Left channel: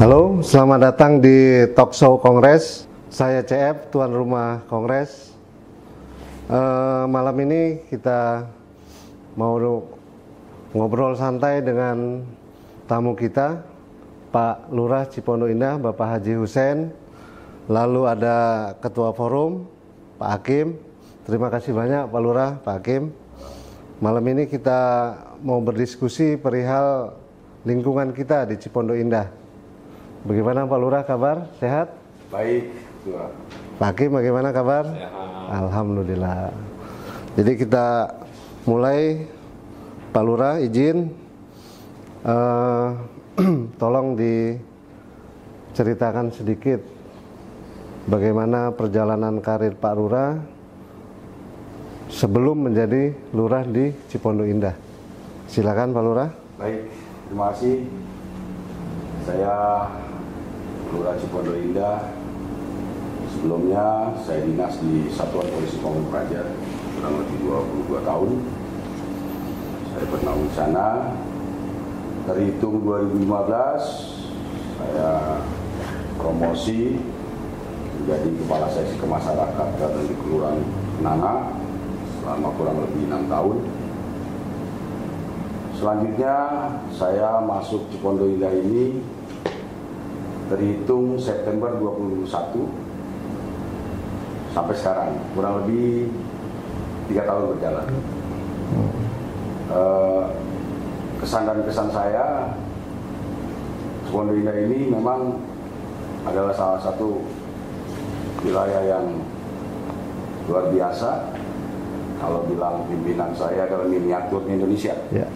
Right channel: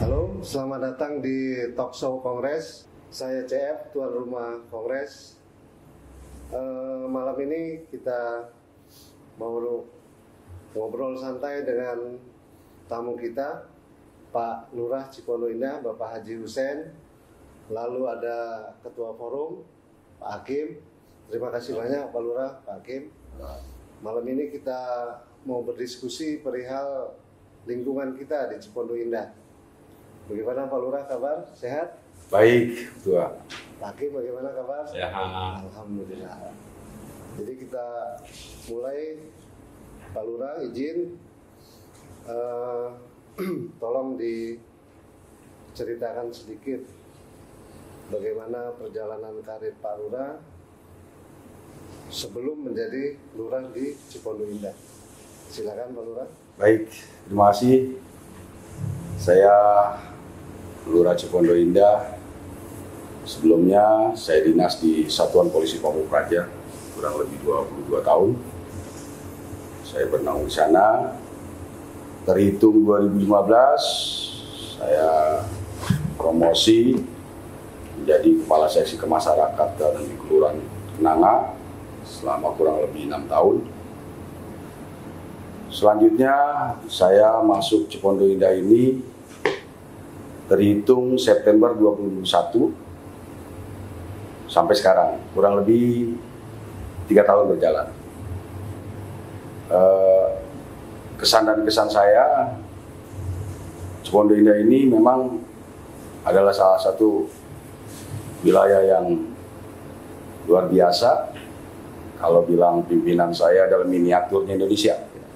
Halo, selamat datang di Talk Show Kongres. Saya CF, tuan rumah Kongres. Malam ini kita mau ngobrol santai dengan tamu kita, Pak Lurah Cipondo Indah, Bapak Haji Hussein. Lalu ada Ketua Forum, Pak Hakim. Terima kasih banyak Pak Lurah, Pak Hakim. Malam ini kita mau berdiskusi perihal lingkungan kita di Cipondo Indah. Bagaimana Pak Lurah kabar? Sehat? Baik, Tua. Pak Hakim bagaimana kabar? Sehat. Alhamdulillah. Jadi kita mulai. Pak Lurah izin tolong diceritakan sedikit bagaimana perjalanan karir Pak Lurah sebelum menjadi lurah di Cipondo Indah. Silakan Pak Lurah. Baik, terima kasih. Saya Lurah Cipondo Indah. Sebelumnya saya dinas di Satuan Polisi Pamung Praja kurang lebih 22 tahun. Saya bernaung di sana. Terhitung 2015 saya promosi menjadi Kepala Seksi Kemasyarakatan di Kelurahan Kenanga selama kurang lebih 6 tahun. Selanjutnya saya masuk Cipondo Indah ini terhitung September 2021 sampai sekarang, kurang lebih 3 tahun berjalan. Kesan dan kesan saya, Cipondo Indah ini memang adalah salah satu wilayah yang luar biasa. Kalau bilang pimpinan saya adalah miniaturnya Indonesia. Ya.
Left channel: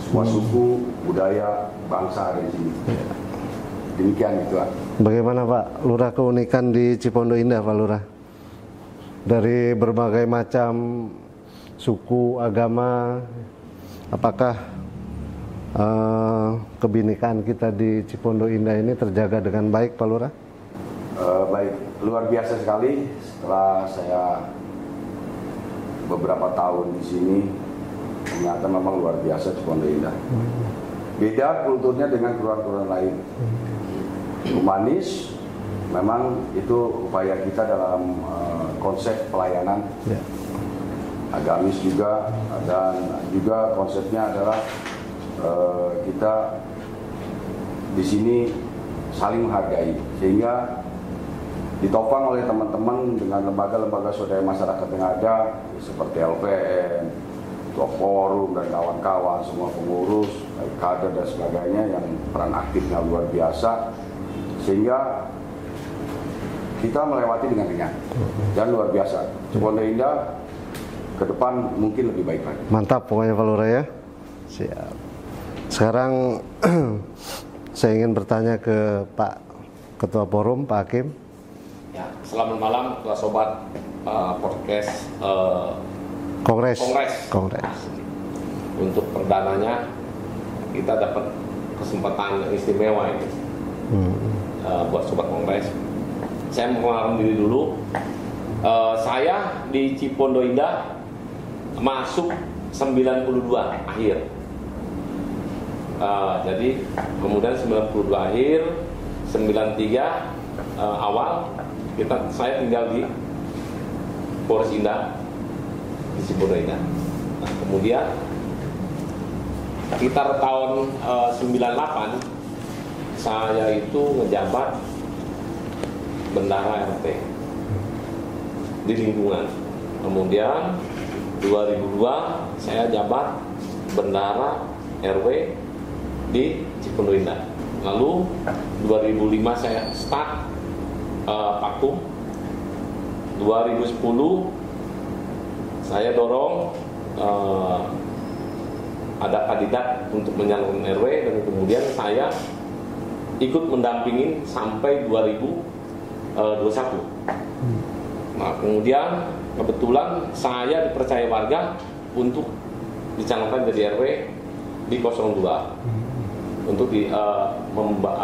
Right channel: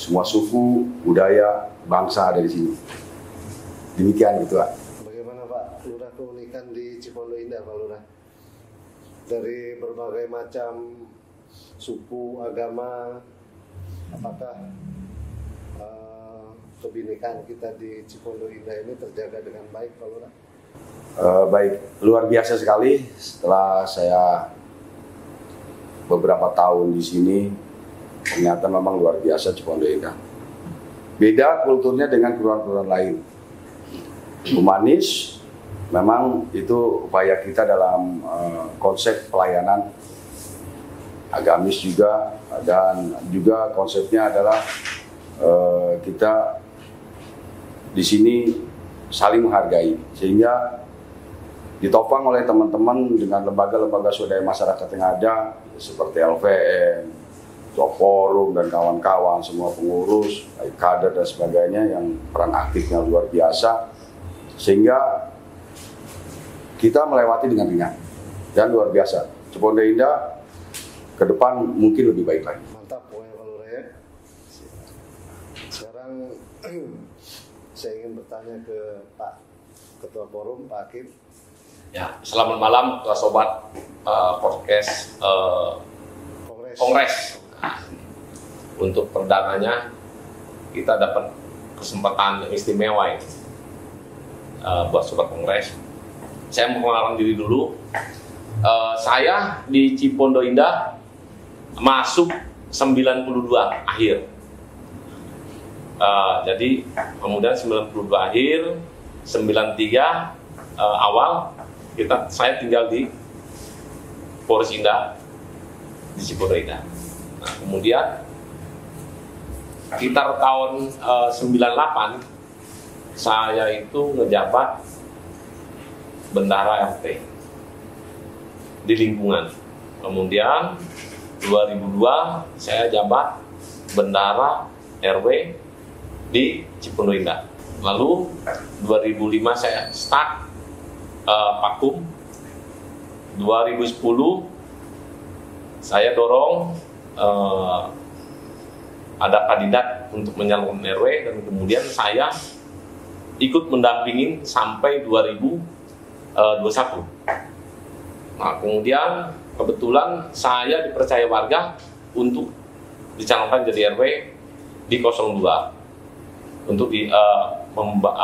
Semua suku, budaya, bangsa ada di sini. Demikian itu, Pak. Bagaimana Pak Lurah keunikan di Cipondo Indah, Pak Lurah? Dari berbagai macam suku, agama, apakah kebinekaan kita di Cipondo Indah ini terjaga dengan baik, Pak Lurah? Baik, luar biasa sekali. Setelah saya beberapa tahun di sini, ternyata memang luar biasa Cipondo Indah. Beda kulturnya dengan kelurahan-kelurahan lain. Humanis, memang itu upaya kita dalam konsep pelayanan. Agamis juga, dan juga konsepnya adalah kita di sini saling menghargai, sehingga ditopang oleh teman-teman dengan lembaga-lembaga swadaya masyarakat yang ada seperti LVM, Ketua Forum dan kawan-kawan, semua pengurus, baik kader dan sebagainya yang peran aktifnya luar biasa. Sehingga kita melewati dengan ringan dan luar biasa. Cipondo Indah ke depan mungkin lebih baik lagi. Mantap pokoknya Pak Lurah ya. Siap. Sekarang saya ingin bertanya ke Pak Ketua Forum, Pak Hakim. Ya, selamat malam sobat podcast Kongres. Untuk perdananya kita dapat kesempatan istimewa ini. Buat sobat Kongres. Saya mau mengenalkan diri dulu. Saya di Cipondo Indah masuk 92 akhir. Jadi kemudian 92 akhir, 93 awal saya tinggal di Polres Indah di Cipondo Indah. Nah, kemudian sekitar tahun 98 saya itu ngejabat bendahara RT di lingkungan. Kemudian 2002 saya jabat bendahara RW di Cipondo Indah. Lalu 2005 saya start Pakum. 2010 saya dorong ada kandidat untuk menyalon RW, dan kemudian saya ikut mendampingi sampai 2021. Nah, kemudian kebetulan saya dipercaya warga untuk dicalonkan jadi RW di 02 untuk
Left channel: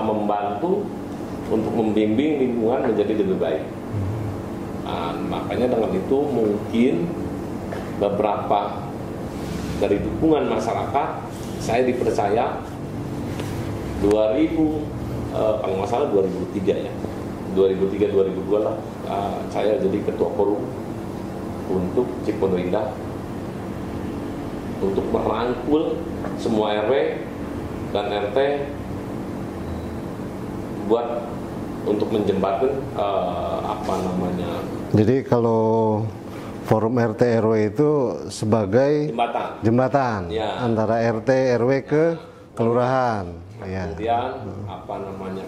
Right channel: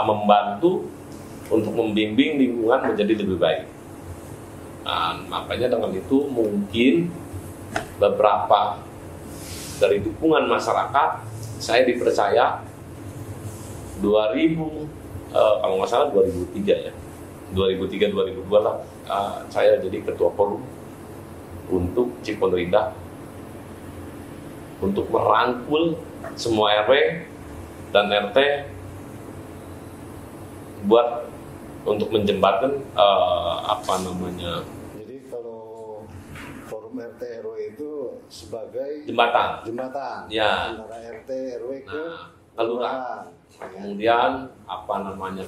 membantu untuk membimbing lingkungan menjadi lebih baik. Nah, makanya dengan itu mungkin beberapa dari dukungan masyarakat saya dipercaya 2000 kalau nggak salah 2003 ya, 2003-2002 lah, saya jadi ketua forum untuk Cipondo Indah untuk merangkul semua RW dan RT buat untuk menjembatkan Jadi kalau forum RT RW itu sebagai jembatan ya, antara RT RW ke kelurahan. Ya. Kemudian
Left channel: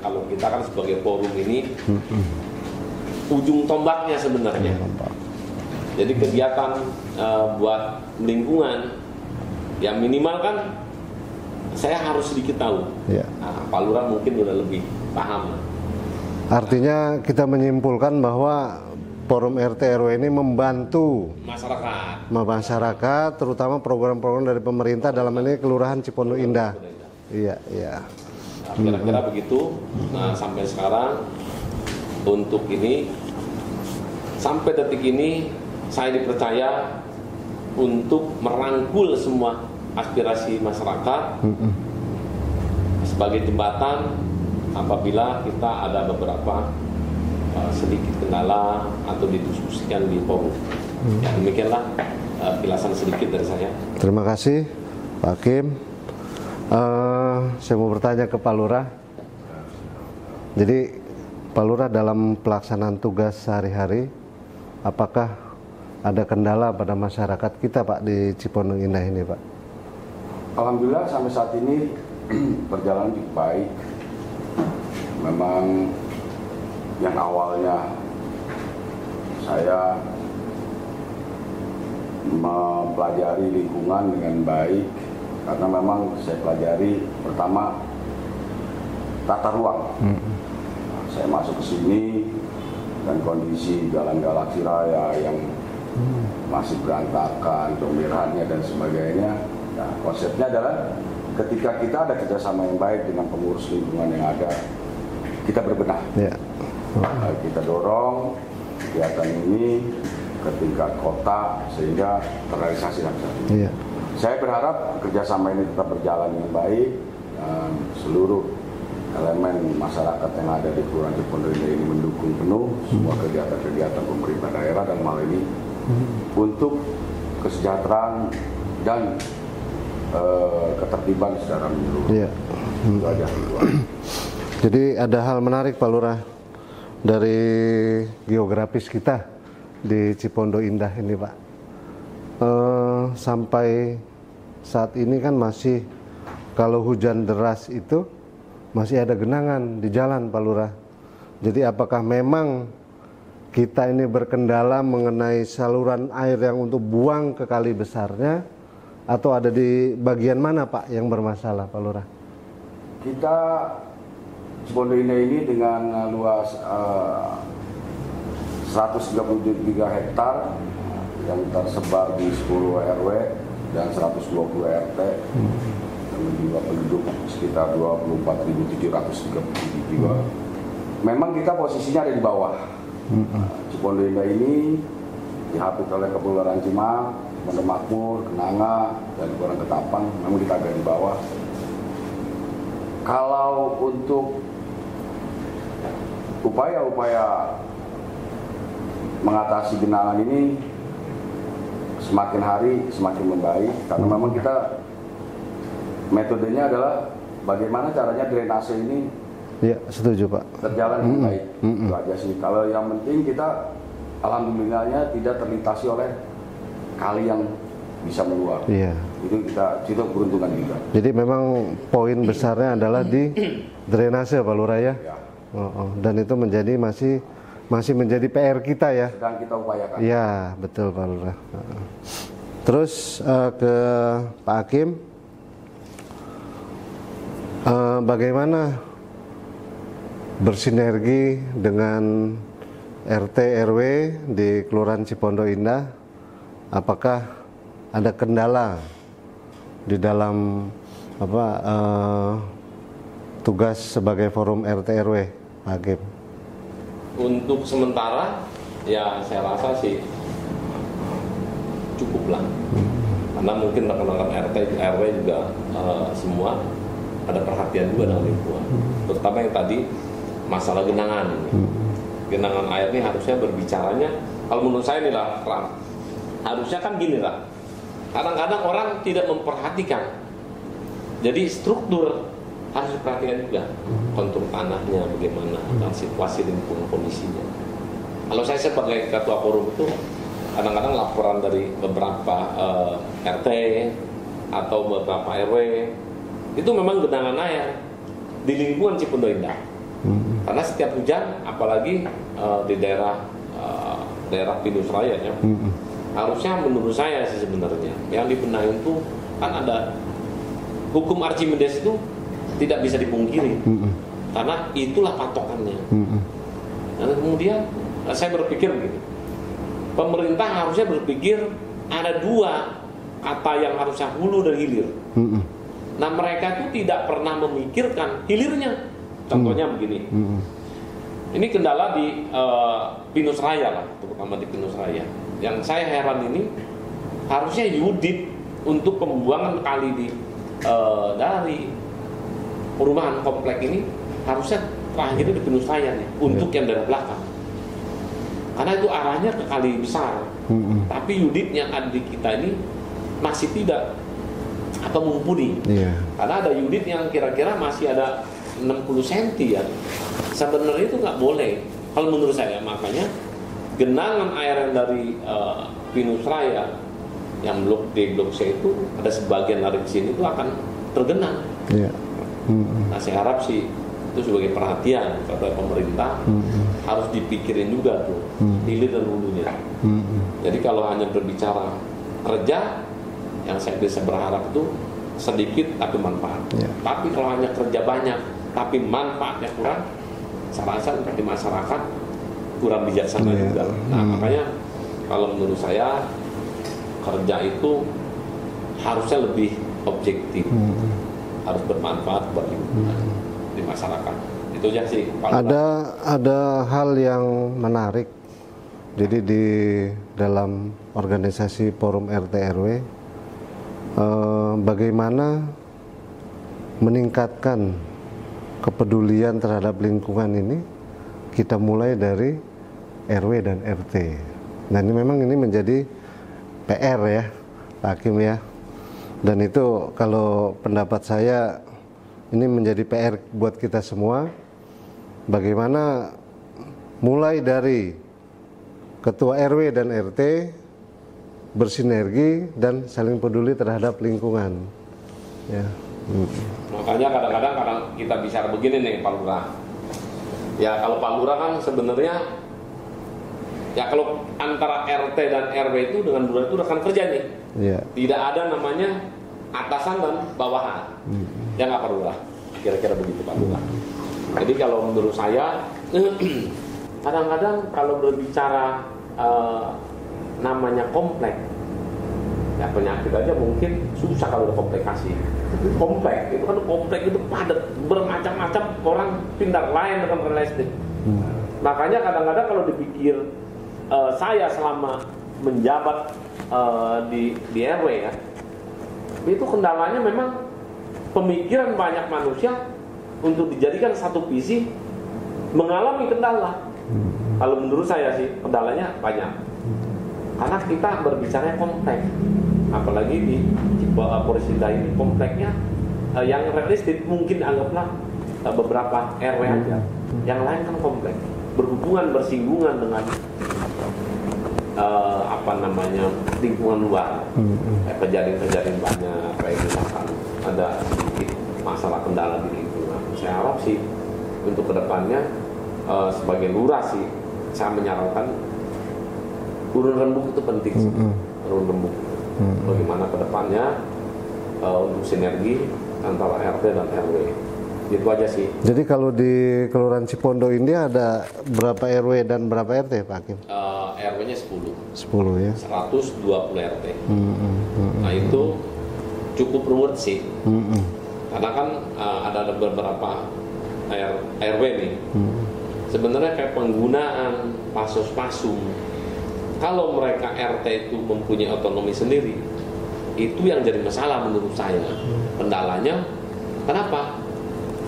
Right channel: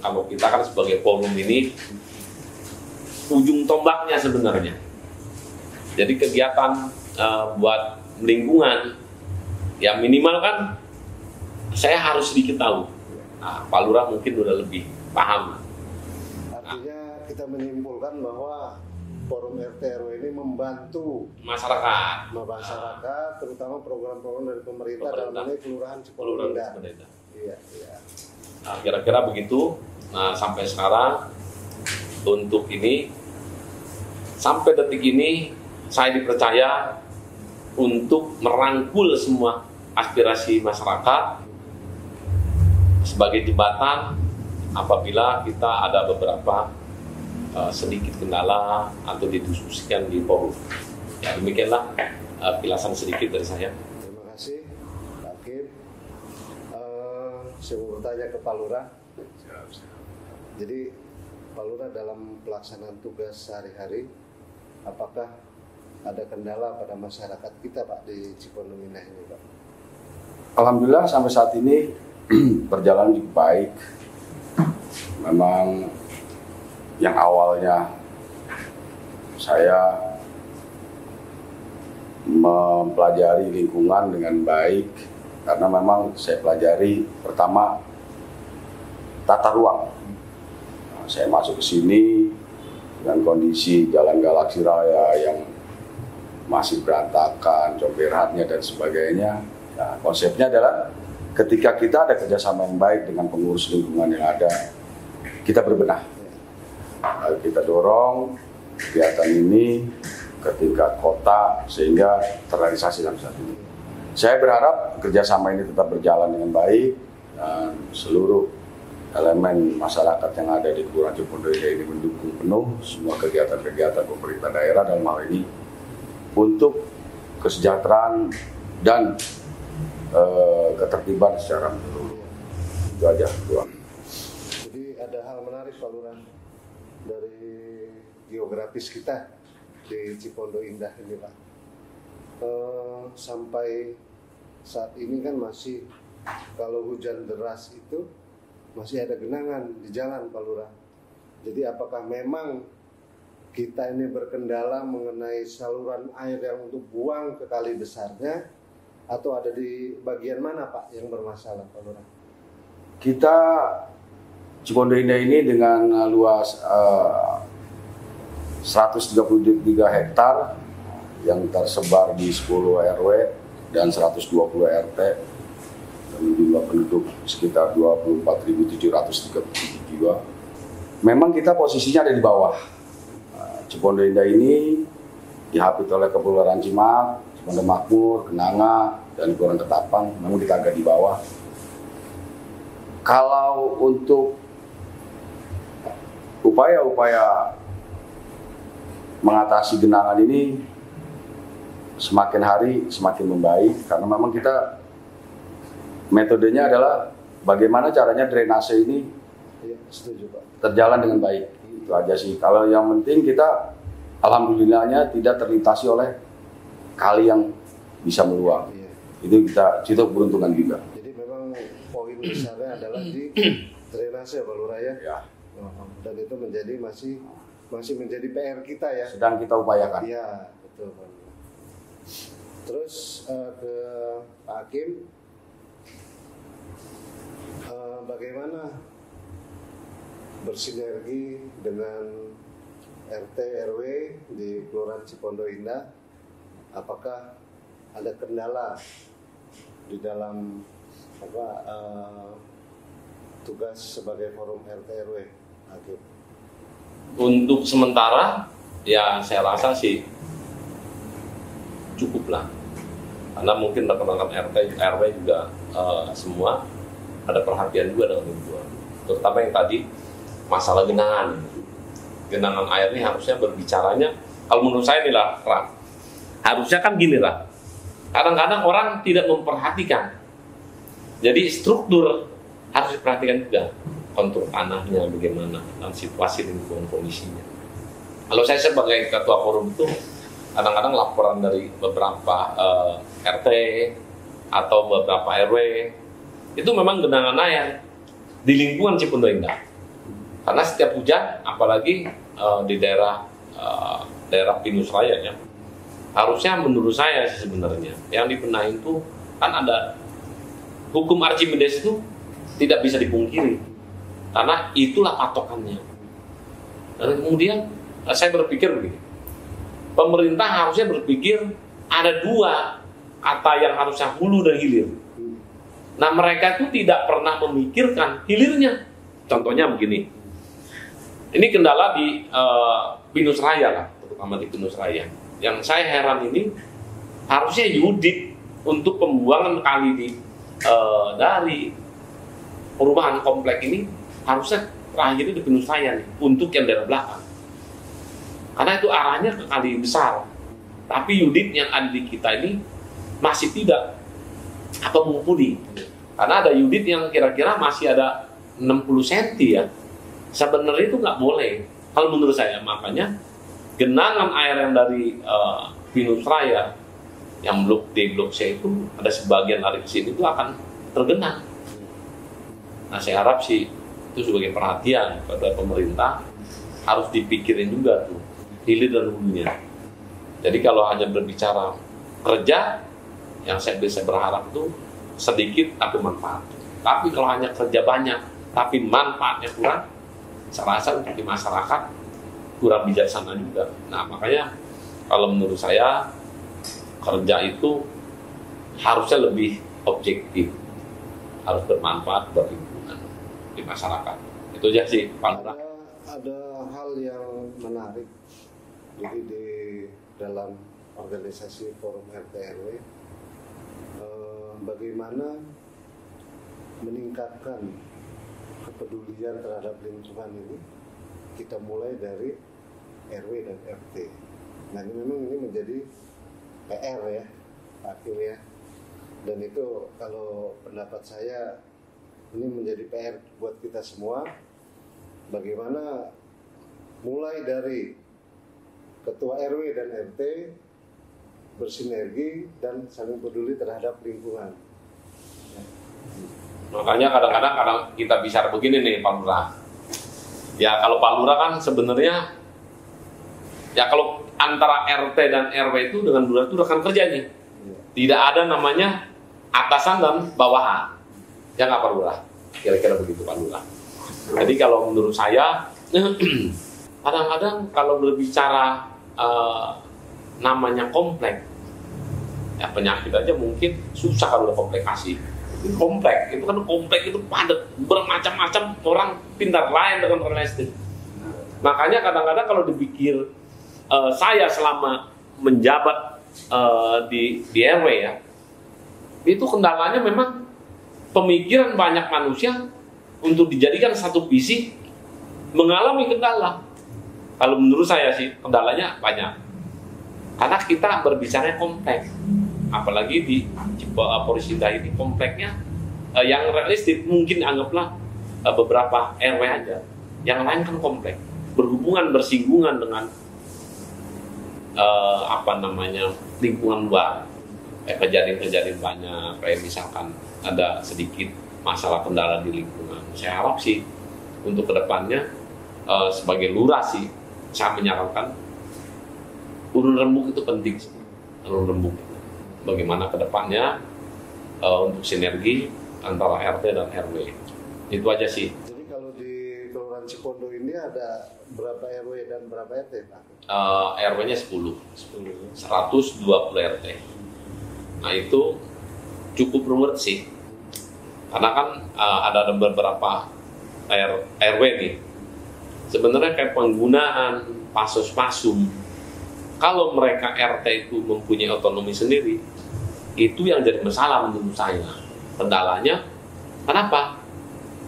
kalau kita kan sebagai forum ini ujung tombaknya sebenarnya. Jadi kegiatan buat lingkungan ya minimal kan saya harus sedikit tahu. Ya. Nah, Pak Lurah mungkin udah lebih paham. Artinya kita menyimpulkan bahwa forum RT RW ini membantu masyarakat, terutama program-program dari pemerintah dalam ini Kelurahan Cipondo Indah. Iya, iya. Nah, kira-kira begitu. Nah, sampai sekarang untuk ini sampai detik ini saya dipercaya untuk merangkul semua aspirasi masyarakat sebagai jembatan apabila kita ada beberapa sedikit kendala atau didiskusikan di forum. Ya, demikianlah penjelasan sedikit dari saya. Terima kasih Pak Hakim. Saya mau bertanya ke Pak Lurah. Jadi Pak Lurah dalam pelaksanaan tugas sehari-hari, apakah ada kendala pada masyarakat kita Pak di Cipondo Indah ini Pak? Alhamdulillah sampai saat ini berjalan cukup baik. Memang yang awalnya saya mempelajari lingkungan dengan baik karena memang saya pelajari pertama tata ruang. Nah, saya masuk ke sini dengan kondisi Jalan Galaksi Raya yang masih berantakan, comberannya dan sebagainya. Nah, konsepnya adalah ketika kita ada kerjasama yang baik dengan pengurus lingkungan yang ada, kita berbenah. Ya. Kita dorong kegiatan ini ke tingkat kota sehingga terrealisasi sampai saat ini. Iya. Saya berharap kerjasama ini tetap berjalan dengan baik dan seluruh elemen masyarakat yang ada di Kelurahan Cipondo Indah ini mendukung penuh semua kegiatan-kegiatan pemerintah daerah dalam hal ini untuk kesejahteraan dan ketertiban secara menyeluruh. Iya. Itu aja. Jadi ada hal menarik Pak Lurah dari geografis kita di Cipondo Indah ini Pak. Sampai saat ini kan masih kalau hujan deras itu masih ada genangan di jalan Pak Lurah. Jadi apakah memang kita ini berkendala mengenai saluran air yang untuk buang ke kali besarnya atau ada di bagian mana Pak yang bermasalah Pak Lurah? Kita Cipondo Indah ini dengan luas 133 hektar yang tersebar di 10 RW dan 120 RT dengan jumlah penduduk sekitar 24.737 jiwa. Memang kita posisinya ada di bawah. Cipondo Indah ini dihapit oleh Kepulauan Cimak, Cipondo Makmur, Kenanga, dan Kelurahan Ketapang. Memang kita agak di bawah. Kalau untuk upaya-upaya mengatasi genangan ini semakin hari semakin membaik karena memang kita metodenya adalah bagaimana caranya drainase ini ya, setuju Pak, terjalan dengan baik. Itu aja sih. Kalau yang penting kita alhamdulillahnya tidak terlintasi oleh kali yang bisa meluap. Iya. Itu kita beruntungan juga. Jadi memang poin besarnya adalah di drainase Pak Lurah ya. Ya. Dan itu masih menjadi PR kita ya. Sedang kita upayakan. Iya, betul Pak Lurah. Terus ke Pak Hakim, bagaimana bersinergi dengan RT RW di Kelurahan Cipondo Indah? Apakah ada kendala di dalam tugas sebagai forum RT RW, Pak Hakim? Untuk sementara, ya saya rasa sih cukup lah. Karena mungkin rekan-rekan RT RW juga semua ada perhatian juga dengan lingkungan. Terutama yang tadi masalah genangan ini. Genangan air ini harusnya berbicaranya, kalau menurut saya nih lah, harusnya kan gini lah. Kadang-kadang orang tidak memperhatikan. Jadi struktur harus diperhatikan juga. Kontur tanahnya bagaimana, dan situasi lingkungan kondisinya. Kalau saya sebagai ketua forum itu, kadang-kadang laporan dari beberapa RT atau beberapa RW itu memang genangan air di lingkungan Cipondo Indah. Karena setiap hujan, apalagi di daerah Pinus Raya ya, harusnya menurut saya sih sebenarnya yang dibenahi itu kan ada hukum Archimedes itu tidak bisa dipungkiri, karena itulah patokannya. Dan kemudian saya berpikir begini, pemerintah harusnya berpikir ada dua kata yang harusnya hulu dan hilir. Nah mereka itu tidak pernah memikirkan hilirnya. Contohnya begini, ini kendala di Pinus Raya lah, terutama di Pinus Raya. Yang saya heran ini harusnya Yudit untuk pembuangan kali dari perumahan komplek ini harusnya terakhirnya di Pinus Raya nih, untuk yang daerah belakang. Karena itu arahnya ke kali besar. Tapi Yudit yang ada di kita ini masih tidak mumpuni. Karena ada Yudit yang kira-kira masih ada 60 cm ya. Sebenarnya itu nggak boleh. Kalau menurut saya, makanya genangan air yang dari Pinus Raya yang blok D, blok C itu ada sebagian dari sini itu akan tergenang. Nah saya harap sih itu sebagai perhatian kepada pemerintah, harus dipikirin juga tuh hilir dan hulunya. Jadi kalau hanya berbicara kerja, yang saya bisa berharap itu sedikit tapi manfaat. Tapi kalau hanya kerja banyak tapi manfaatnya kurang, saya rasa untuk di masyarakat kurang bijaksana juga. Nah makanya kalau menurut saya kerja itu harusnya lebih objektif, harus bermanfaat buat lingkungan di masyarakat. Itu aja sih. Ada hal yang menarik. Jadi di dalam organisasi Forum RT RW, bagaimana meningkatkan kepedulian terhadap lingkungan ini, kita mulai dari RW dan RT. Nah ini memang menjadi PR ya Pak Hakim ya. Dan itu kalau pendapat saya ini menjadi PR buat kita semua, bagaimana mulai dari ketua RW dan RT bersinergi dan saling peduli terhadap lingkungan ya. Makanya kadang-kadang kita bicara begini nih Pak Lurah. Ya kalau Pak Lurah kan sebenarnya ya kalau antara RT dan RW itu dengan Lurah itu rekan kerja nih. Tidak ada namanya atasan dan bawahan. Ya nggak Pak Lurah? Kira-kira begitu Pak Lurah. Jadi kalau menurut saya kadang-kadang kalau berbicara namanya komplek, ya penyakit aja mungkin susah kalau ada komplikasi. Komplek itu kan komplek itu padat, bermacam-macam orang pintar lain dengan realistik. Makanya kadang-kadang kalau dipikir saya selama menjabat di RW ya, itu kendalanya memang pemikiran banyak manusia untuk dijadikan satu visi mengalami kendala. Kalau menurut saya sih kendalanya banyak, karena kita berbicara kompleks, apalagi di Polres Indah ini kompleknya yang realistik mungkin anggaplah beberapa RW aja, yang lain kan kompleks, berhubungan bersinggungan dengan lingkungan luar, kejadian-kejadian banyak, kayak misalkan ada sedikit masalah kendala di lingkungan. Saya harap sih untuk kedepannya sebagai lurah sih saya menyarankan urun rembuk itu penting sih. Urun rembuk bagaimana kedepannya untuk sinergi antara RT dan RW. Itu aja sih. Jadi kalau di Kelurahan Cipondo ini ada berapa RW dan berapa RT Pak Hakim? RW-nya 10 ya. 120 RT. Nah itu cukup ruwet sih. Karena kan ada beberapa RW nih. Sebenarnya kayak penggunaan pasos-pasum. Kalau mereka RT itu mempunyai otonomi sendiri, itu yang jadi masalah menurut saya. Kendalanya Kenapa?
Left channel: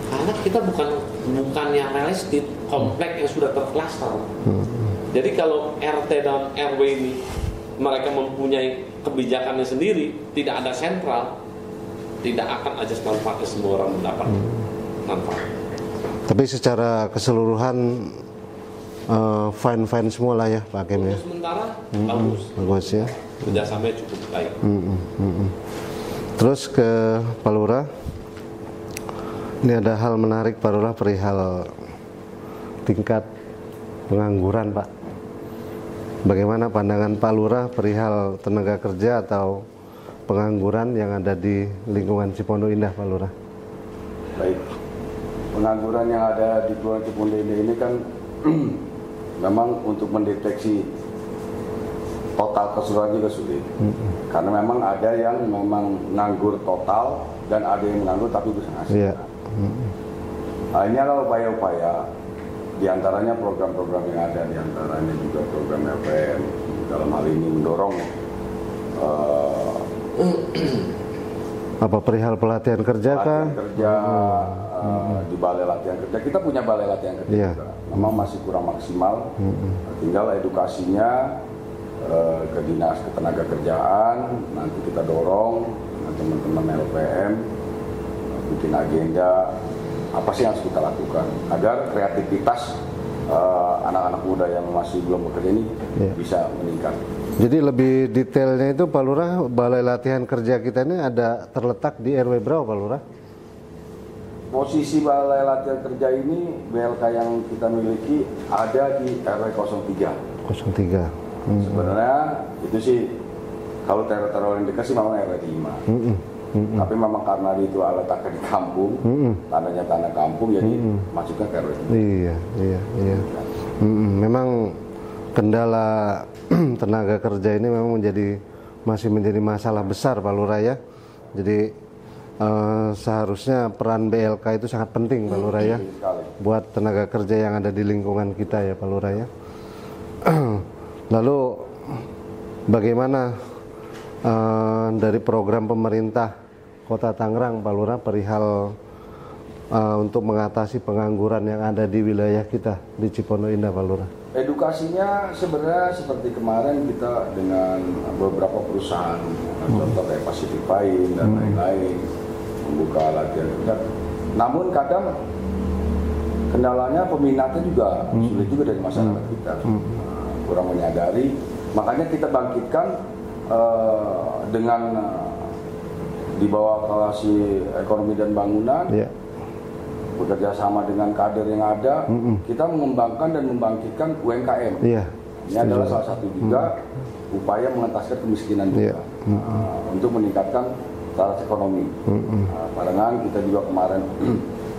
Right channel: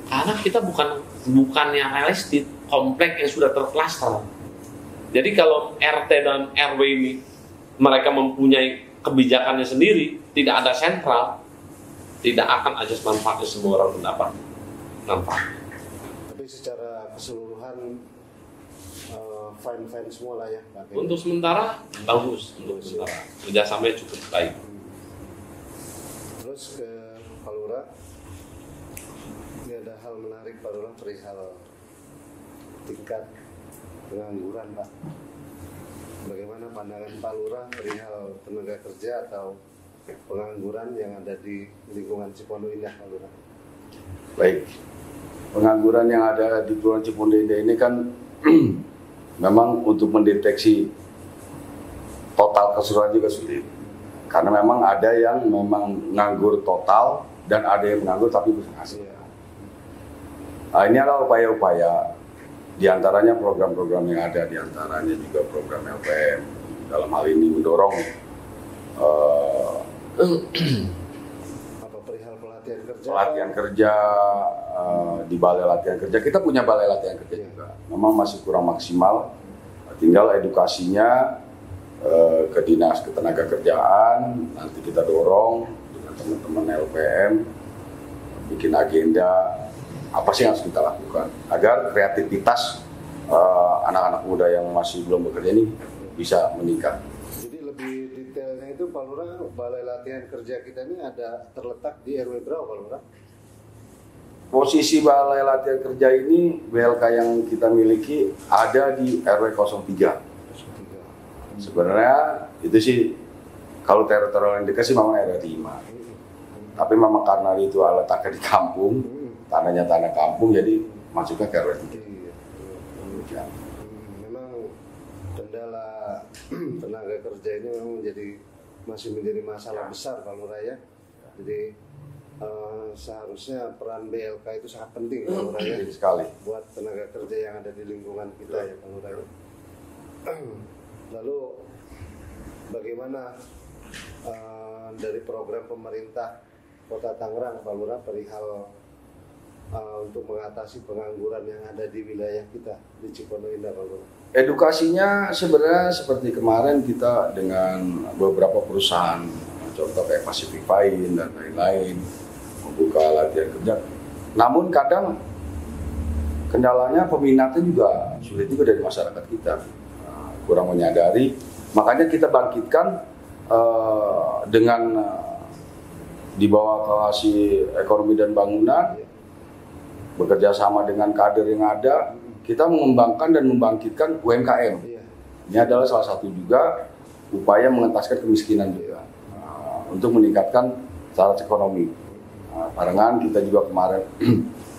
Karena kita bukannya real estate komplek yang sudah terklaster. Jadi kalau RT dan RW ini mereka mempunyai kebijakannya sendiri, tidak ada sentral, tidak akan ajas manfaatnya semua orang mendapat manfaat. Tapi secara keseluruhan fine semua lah ya Pak Hakim. Untuk sementara bagus. Bagus ya. Kerjasamanya cukup baik. Terus ke Pak Lurah. Ini ada hal menarik Pak Lurah perihal tingkat pengangguran Pak. Bagaimana pandangan Pak Lurah perihal tenaga kerja atau pengangguran yang ada di lingkungan Cipondo Indah Pak Lurah? Baik, pengangguran yang ada di Kelurahan Cipondo Indah ini kan memang untuk mendeteksi total keseluruhan juga sulit. Karena memang ada yang memang nganggur total dan ada yang menganggur tapi bisa ngasih. Nah, ini adalah upaya-upaya diantaranya program-program yang ada, diantaranya juga program LPM dalam hal ini mendorong apa perihal pelatihan kerja kerja di balai latihan kerja. Kita punya balai latihan kerja juga. Memang masih kurang maksimal. Tinggal edukasinya ke dinas ketenagakerjaan. Nanti kita dorong dengan teman-teman LPM bikin agenda apa sih yang harus kita lakukan agar kreativitas anak-anak muda yang masih belum bekerja ini bisa meningkat. Jadi lebih detailnya itu Pak Lurah, balai latihan kerja kita ini ada terletak di RW berapa Pak Lurah? Posisi balai latihan kerja ini BLK yang kita miliki ada di RW 03. 03. Sebenarnya itu sih kalau teritorial yang dekat sih memang RW 5. Tapi memang karena itu letaknya di kampung, tanahnya tanah kampung, jadi masuknya ke RW 3. Iya. Memang kendala tenaga kerja ini memang masih menjadi masalah besar Pak Lurah ya. Jadi seharusnya peran BLK itu sangat penting Pak Lurah ya, buat tenaga kerja yang ada di lingkungan kita ya Pak Lurah ya. Lalu bagaimana dari program pemerintah Kota Tangerang Pak Lurah perihal untuk mengatasi pengangguran yang ada di wilayah kita di Cipondo Indah Pak Lurah? Edukasinya sebenarnya seperti kemarin kita dengan beberapa perusahaan, contoh kayak Pacific Pine dan lain-lain, membuka latihan kerja. Namun kadang kendalanya peminatnya juga sulit juga dari masyarakat kita, kurang menyadari. Makanya kita bangkitkan dengan di bawah Koalisi Ekonomi dan Bangunan. Bekerja sama dengan kader yang ada, kita mengembangkan dan membangkitkan UMKM. Ini adalah salah satu juga upaya mengentaskan kemiskinan juga, untuk meningkatkan syarat ekonomi. Barengan kita juga kemarin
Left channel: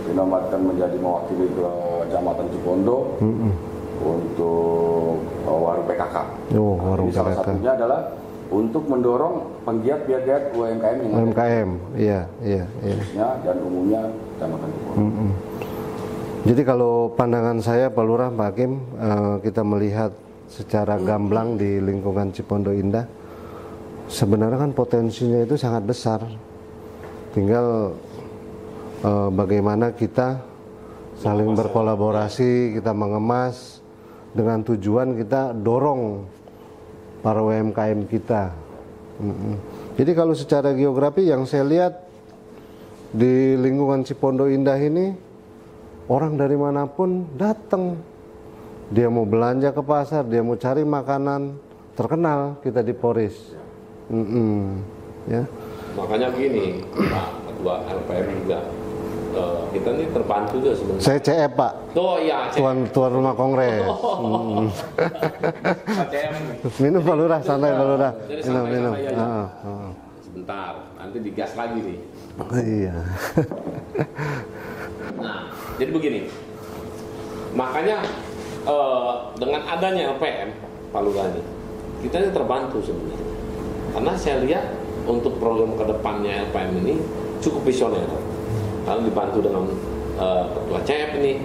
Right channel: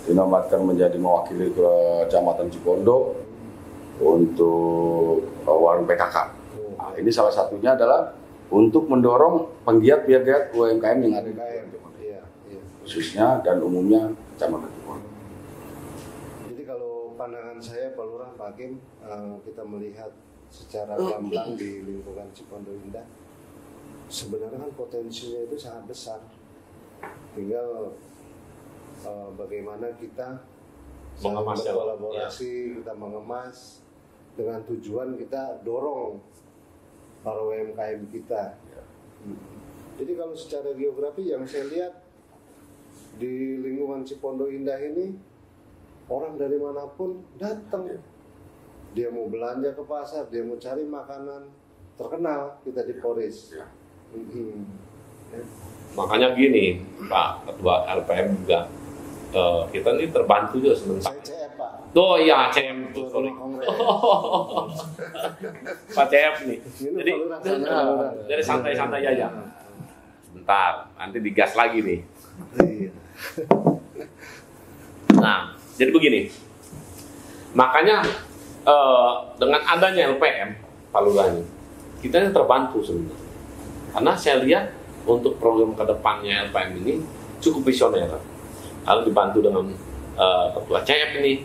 dinobatkan menjadi mewakili Kecamatan Cipondo untuk warung PKK. Ini salah satunya adalah untuk mendorong penggiat-penggiat UMKM yang ada, khususnya dan umumnya Kecamatan Cipondo. Jadi kalau pandangan saya Pak Lurah, Pak Hakim, kita melihat secara gamblang di lingkungan Cipondo Indah, sebenarnya kan potensinya itu sangat besar. Tinggal bagaimana kita saling berkolaborasi, kita mengemas dengan tujuan kita dorong para UMKM kita. Jadi kalau secara geografi yang saya lihat di lingkungan Cipondo Indah ini, orang dari manapun datang. Dia mau belanja ke pasar, dia mau cari makanan, terkenal kita di Poris. Ya. Makanya gini Pak Ketua RPM juga, kita ini terbantu juga sebenarnya. Saya CF Pak. Tuh ya Tuan rumah kongres. Pak CF nih. Minum Pak Lurah, santai Pak Lurah. Jadi santai-santai aja. Sebentar, nanti digas lagi nih. Iya. Nah, jadi begini. Makanya dengan adanya LPM Pak Lurah ini, kita ini terbantu sebenarnya. Karena saya lihat untuk program kedepannya LPM ini cukup visioner. Lalu dibantu dengan Ketua CF ini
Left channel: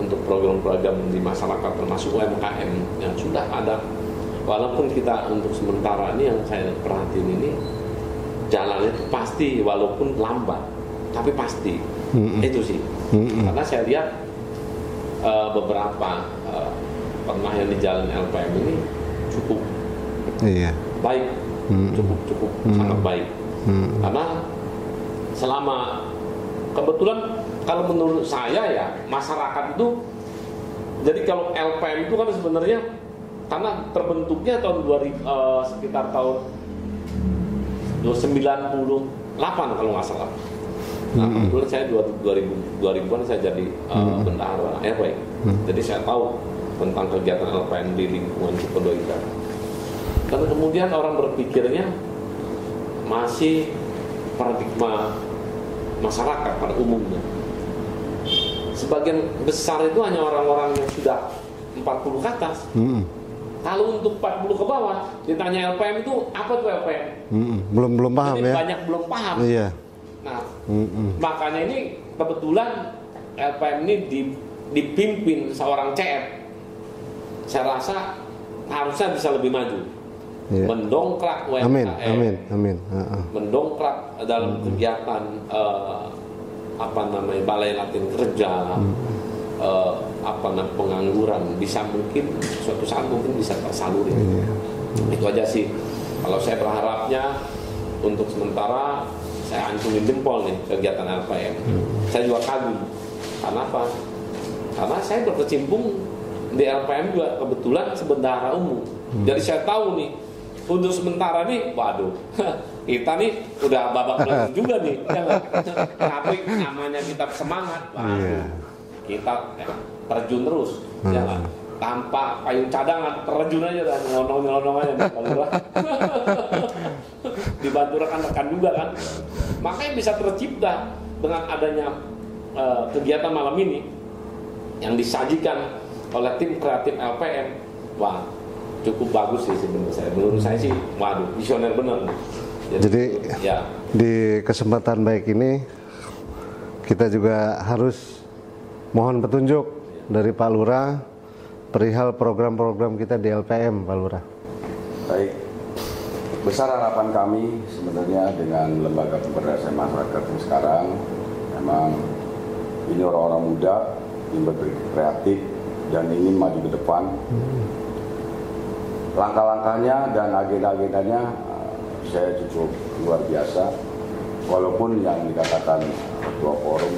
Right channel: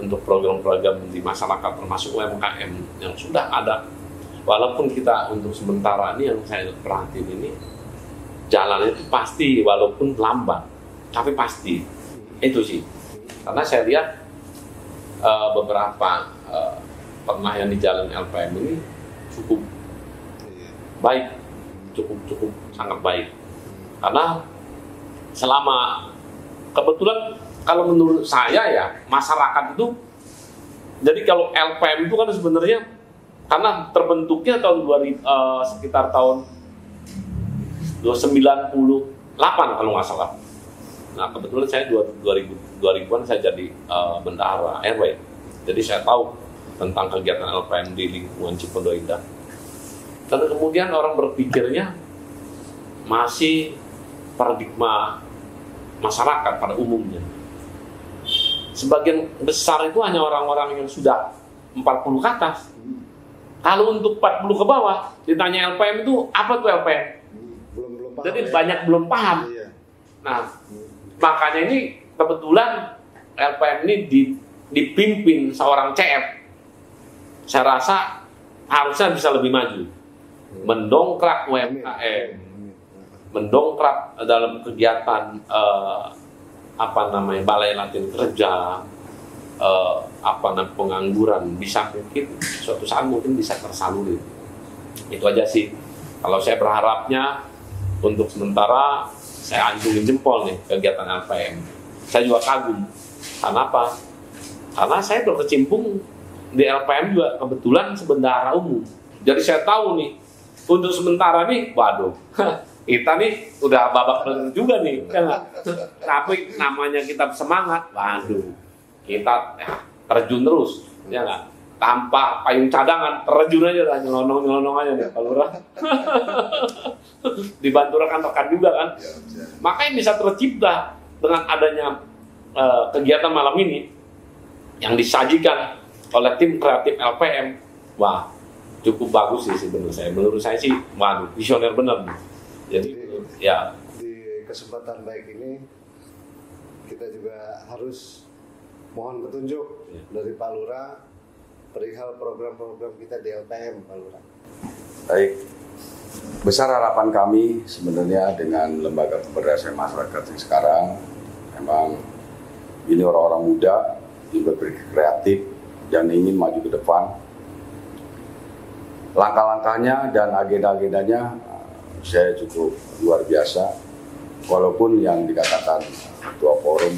untuk program-program di masyarakat termasuk UMKM yang sudah ada. Walaupun kita untuk sementara ini yang saya perhatiin ini jalan itu pasti walaupun lambat, tapi pasti. Itu sih. Karena saya lihat beberapa pernah yang dijalani LPM ini cukup baik, cukup sangat baik. Karena selama kebetulan kalau menurut saya ya masyarakat itu, jadi kalau LPM itu kan sebenarnya karena terbentuknya tahun 2000 sekitar tahun 98 kalau nggak salah. Nah kebetulan saya 2000-an saya jadi bendahara RW. Jadi saya tahu tentang kegiatan LPM di lingkungan Cipondo Indah. Dan kemudian orang berpikirnya masih paradigma masyarakat pada umumnya. Sebagian besar itu hanya orang-orang yang sudah 40 ke atas. Kalau untuk 40 ke bawah ditanya LPM itu apa tuh LPM? Belum paham. Jadi ya. banyak belum paham. Iya. Nah, makanya ini kebetulan LPM ini dipimpin seorang CF. Saya rasa harusnya bisa lebih maju. Iya. Mendongkrak UMKM. Amin. Mendongkrak dalam kegiatan balai latihan kerja. Pengangguran bisa mungkin suatu saat mungkin bisa tersaluri. Itu aja sih. Kalau saya berharapnya untuk sementara saya acungin jempol nih kegiatan LPM. Saya juga kagum. Karena apa? Karena saya berkecimpung di LPM juga kebetulan sebendahara umum. Jadi saya tahu nih untuk sementara nih, waduh, kita nih udah babak belur juga nih. Tapi namanya kita semangat, waduh, kita terjun terus, ya kan? Tanpa payung cadangan, terjun aja dah, nyelonong aja dah, kalau dibantu rekan-rekan juga kan. Makanya bisa tercipta dengan adanya kegiatan malam ini yang disajikan oleh tim kreatif LPM. Wah, cukup bagus sih sebenarnya saya. Menurut saya sih, waduh, visioner bener. Jadi ya, di kesempatan baik ini kita juga harus mohon petunjuk dari Pak Lurah perihal program-program kita di LPM, Pak Lurah. Baik, besar harapan kami sebenarnya dengan lembaga pemberdayaan masyarakat yang sekarang, memang ini orang-orang muda yang berpikir kreatif dan ingin maju ke depan. Langkah-langkahnya dan agenda-agendanya saya cukup luar biasa, walaupun yang dikatakan ketua forum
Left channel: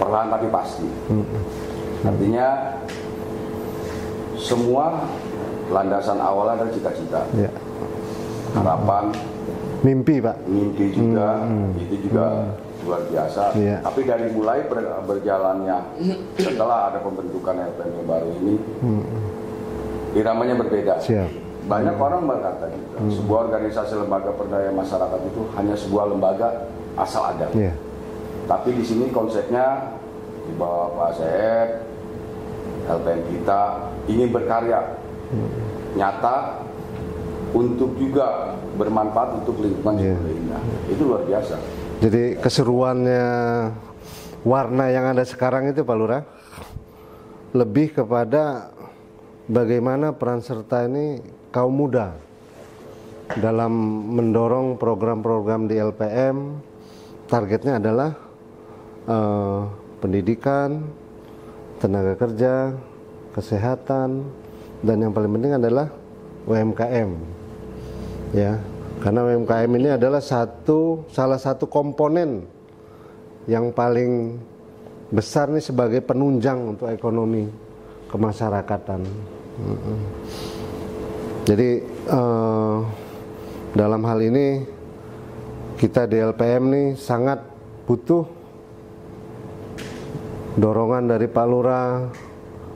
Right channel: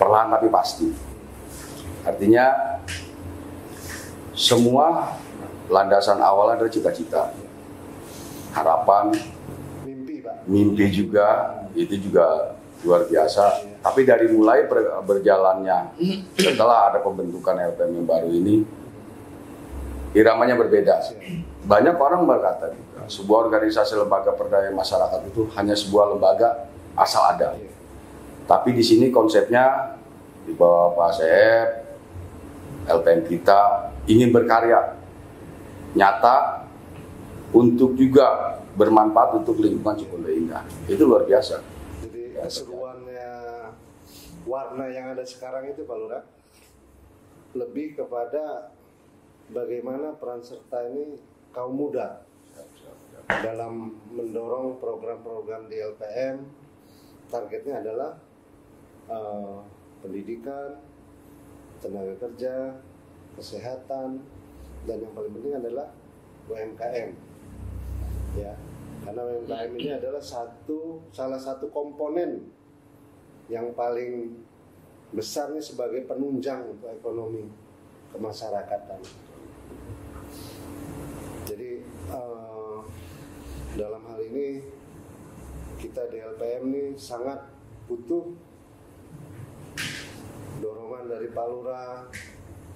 perlahan tapi pasti. Artinya semua landasan awal adalah cita-cita, harapan, mimpi, Pak. Mimpi juga, itu juga luar biasa. Tapi dari mulai berjalannya setelah ada pembentukan LPM yang baru ini, iramanya berbeda. Banyak orang berkata juga, sebuah organisasi lembaga pemberdayaan masyarakat itu hanya sebuah lembaga asal ada. Tapi di sini konsepnya di bawah Pak CF, LPM kita ingin berkarya nyata untuk juga bermanfaat untuk lingkungan Cipondo Indah. Itu luar biasa. Jadi keseruannya warna yang ada sekarang itu, Pak Lurah, lebih kepada bagaimana peran serta ini kaum muda dalam mendorong program-program di LPM. Targetnya adalah pendidikan, tenaga kerja, kesehatan, dan yang paling penting adalah UMKM. Ya, karena UMKM ini adalah salah satu komponen yang paling besar nih sebagai penunjang untuk ekonomi kemasyarakatan. Jadi dalam hal ini kita di LPM nih sangat butuh dorongan dari Pak Lurah,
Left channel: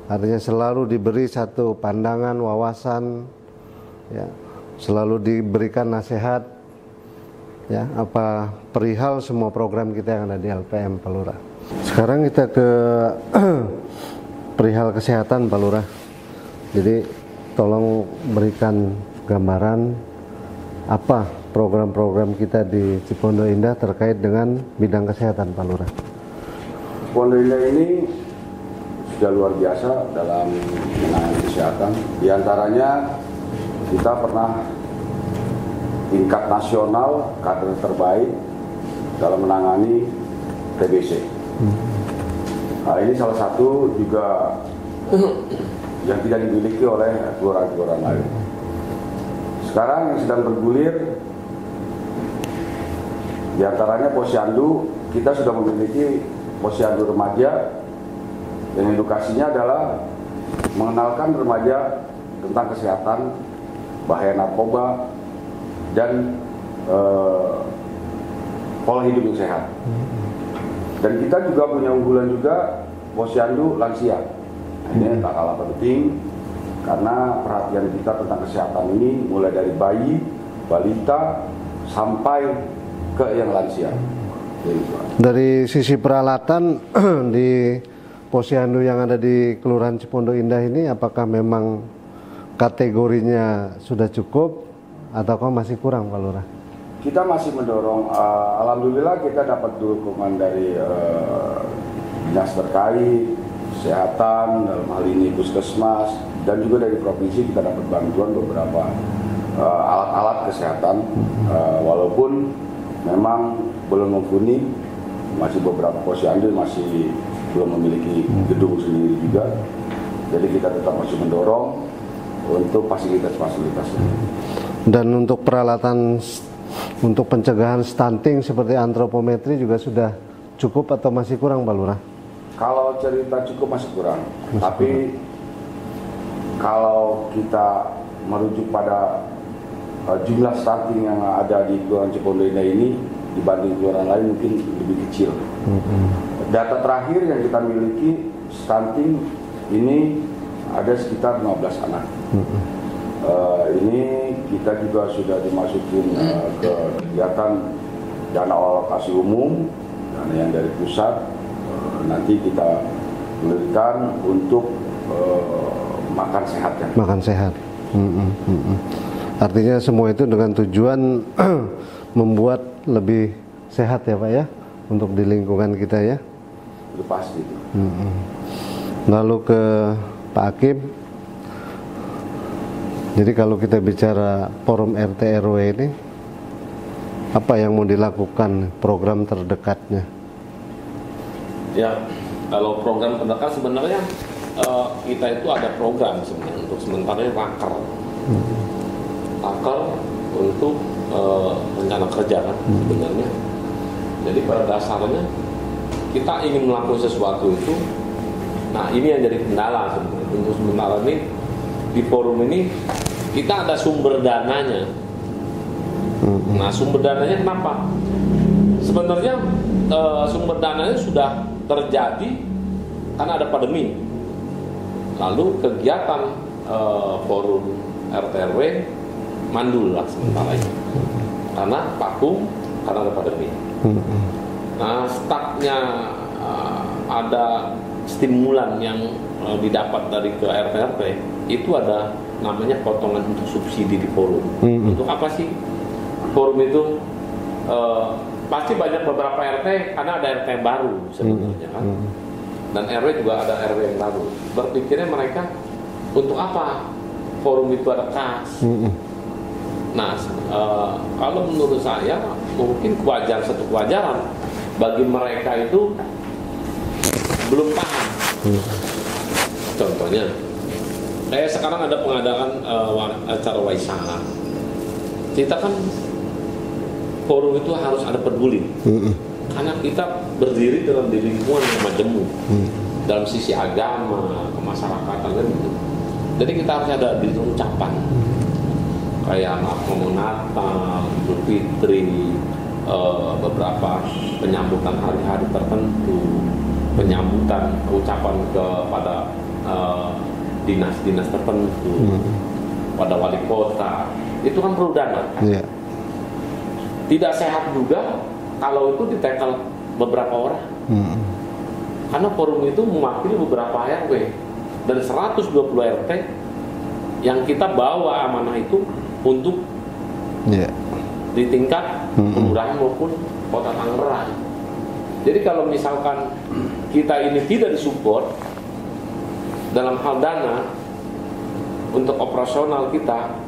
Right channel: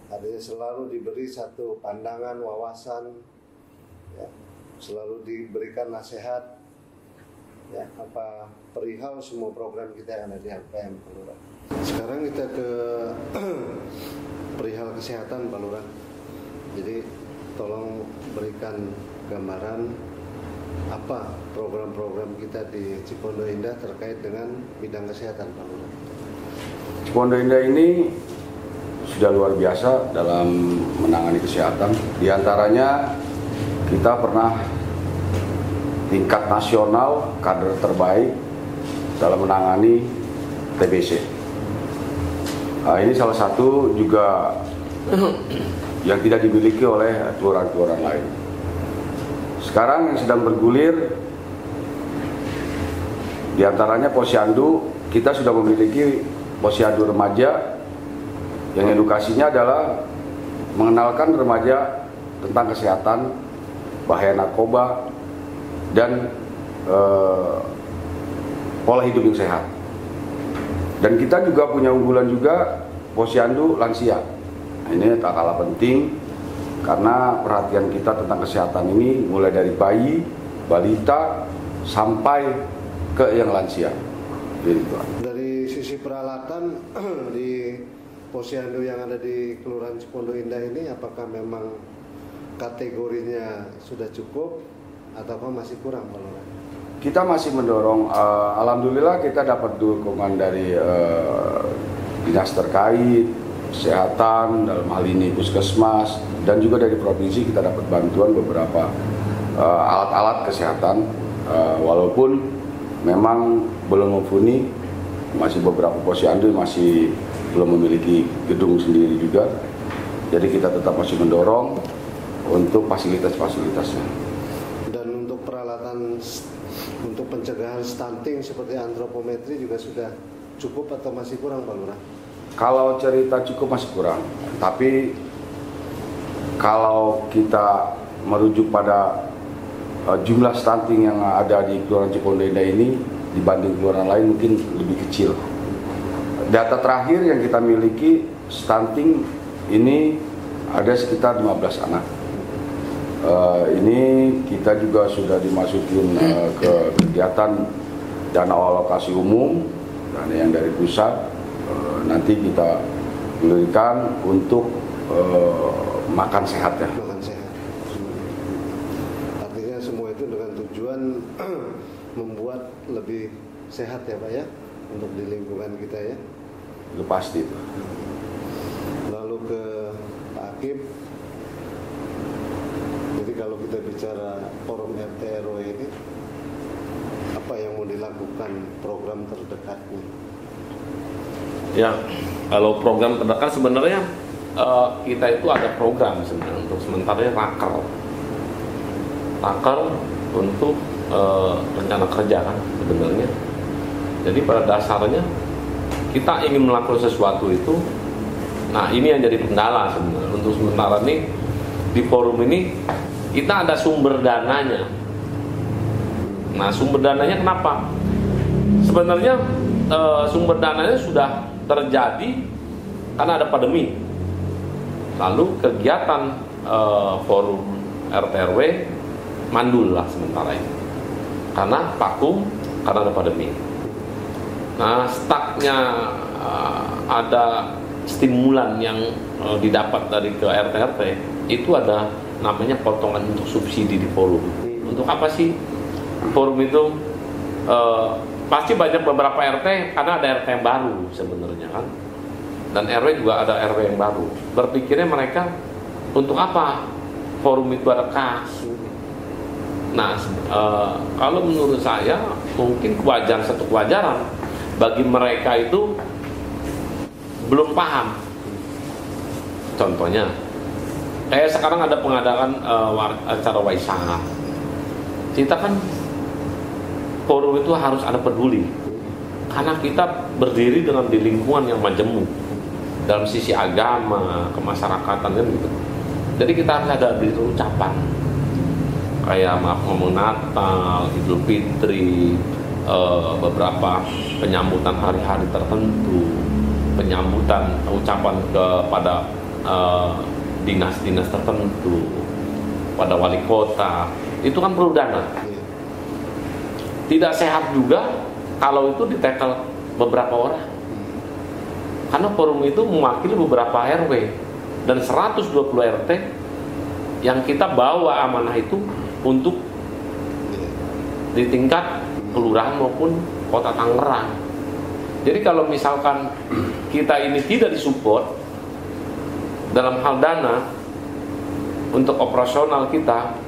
artinya selalu diberi satu pandangan, wawasan, ya, selalu diberikan nasihat, ya, apa perihal semua program kita yang ada di LPM, Pak Lurah. Sekarang kita ke perihal kesehatan, Pak Lurah. Jadi tolong berikan gambaran apa program-program kita di Cipondo Indah terkait dengan bidang kesehatan, Pak Lurah. Cipondo Indah ini sudah luar biasa dalam menangani kesehatan. Di antaranya kita pernah tingkat nasional kader terbaik dalam menangani TBC. Nah, ini salah satu juga yang tidak dimiliki oleh kelurahan-kelurahan lain. Sekarang yang sedang bergulir diantaranya Posyandu, kita sudah memiliki Posyandu remaja yang edukasinya adalah mengenalkan remaja tentang kesehatan, bahaya narkoba, dan pola hidup yang sehat. Dan kita juga punya unggulan juga Posyandu lansia. Ini tak kalah penting karena perhatian kita tentang kesehatan ini mulai dari bayi, balita, sampai ke yang lansia. Dari sisi peralatan di Posyandu yang ada di Kelurahan Cipondo Indah ini, apakah memang kategorinya sudah cukup ataukah masih kurang, Pak Lurah? Kita masih mendorong, alhamdulillah kita dapat dukungan dari dinas terkait, kesehatan, dalam hal ini puskesmas, dan juga dari provinsi kita dapat bantuan beberapa alat-alat kesehatan, walaupun memang belum mumpuni, masih beberapa Posyandu masih belum memiliki gedung sendiri juga, jadi kita tetap masih mendorong untuk fasilitas-fasilitasnya. Dan untuk peralatan untuk pencegahan stunting seperti antropometri juga sudah cukup atau masih kurang, Pak Lurah? Kalau cerita cukup masih kurang, tapi kalau kita merujuk pada jumlah stunting yang ada di Kelurahan Cipondo Indah ini dibanding kelurahan lain mungkin lebih kecil. Data terakhir yang kita miliki stunting ini ada sekitar 15 anak. Ini kita juga sudah dimasukin ke kegiatan dana alokasi umum, dana yang dari pusat. Nanti kita berikan untuk makan sehat ya. Makan sehat. Artinya semua itu dengan tujuan membuat lebih sehat ya Pak ya, untuk di lingkungan kita ya. Itu pasti itu. Lalu ke Pak Hakim. Jadi kalau kita bicara forum RT RW ini, apa yang mau dilakukan program terdekatnya? Ya, kalau program terdekat sebenarnya kita itu ada program sebenarnya untuk sementara ini rakal untuk rencana kerja kan sebenarnya. Jadi pada dasarnya kita ingin melakukan sesuatu itu. Nah ini yang jadi kendala sebenarnya. Untuk sementara ini di forum ini kita ada sumber dananya. Nah sumber dananya kenapa? Sebenarnya sumber dananya sudah terjadi karena ada pandemi. Lalu kegiatan forum RT/RW mandul lah sementara ini karena vakum, karena ada pandemi. Nah startnya ada stimulan yang didapat dari ke RT/RT itu ada namanya potongan untuk subsidi di forum. Untuk apa sih forum itu? Pasti banyak beberapa RT karena ada RT yang baru sebetulnya kan, dan RW juga ada RW yang baru. Berpikirnya mereka untuk apa forum itu ada kas. Nah kalau menurut saya mungkin satu kewajaran bagi mereka itu belum paham. Contohnya kayak sekarang ada pengadakan acara waisak. Kita kan forum itu harus ada peduli, karena kita berdiri dalam di lingkungan yang majemuk, dalam sisi agama, kemasyarakatan, jadi kita harus ada beri ucapan, kayak maaf ngomong Natal, Idul Fitri, beberapa penyambutan hari-hari tertentu, penyambutan ucapan kepada dinas-dinas tertentu, pada wali kota, itu kan perlu dana. Tidak sehat juga kalau itu ditekel beberapa orang. Karena forum itu mewakili beberapa RW dan 120 RT yang kita bawa amanah itu untuk di tingkat kelurahan maupun kota Tangerang. Jadi kalau misalkan kita ini tidak disupport dalam hal dana untuk operasional kita,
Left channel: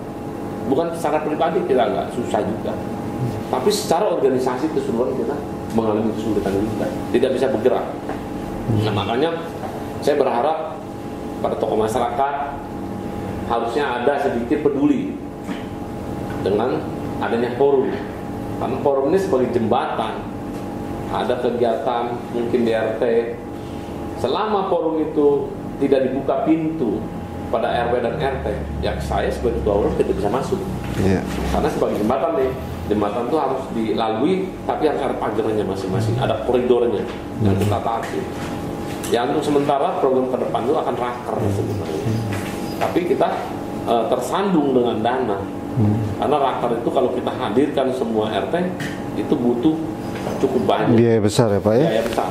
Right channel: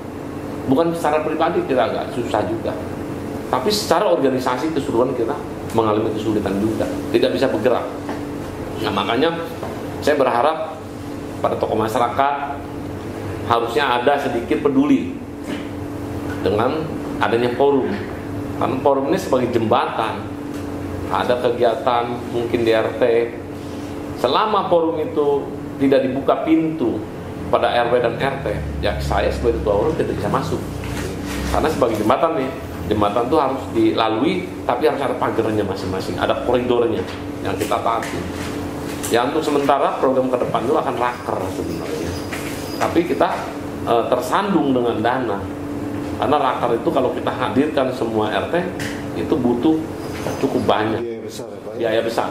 bukan secara pribadi kita nggak susah juga, tapi secara organisasi keseluruhan kita mengalami kesulitan juga, tidak bisa bergerak. Nah, makanya saya berharap pada tokoh masyarakat harusnya ada sedikit peduli dengan adanya forum, karena forum ini sebagai jembatan. Ada kegiatan mungkin di RT, selama forum itu tidak dibuka pintu pada RW dan RT, ya saya sebagai ketua forum tidak bisa masuk. Karena sebagai jembatan nih, jembatan itu harus dilalui, tapi harus ada pagarnya masing-masing, ada koridornya yang kita taati. Ya untuk sementara program ke depan itu akan raker sebenarnya. Tapi kita tersandung dengan dana. Karena raker itu kalau kita hadirkan semua RT itu butuh cukup banyak. Biaya besar ya Pak ya? Biaya besar.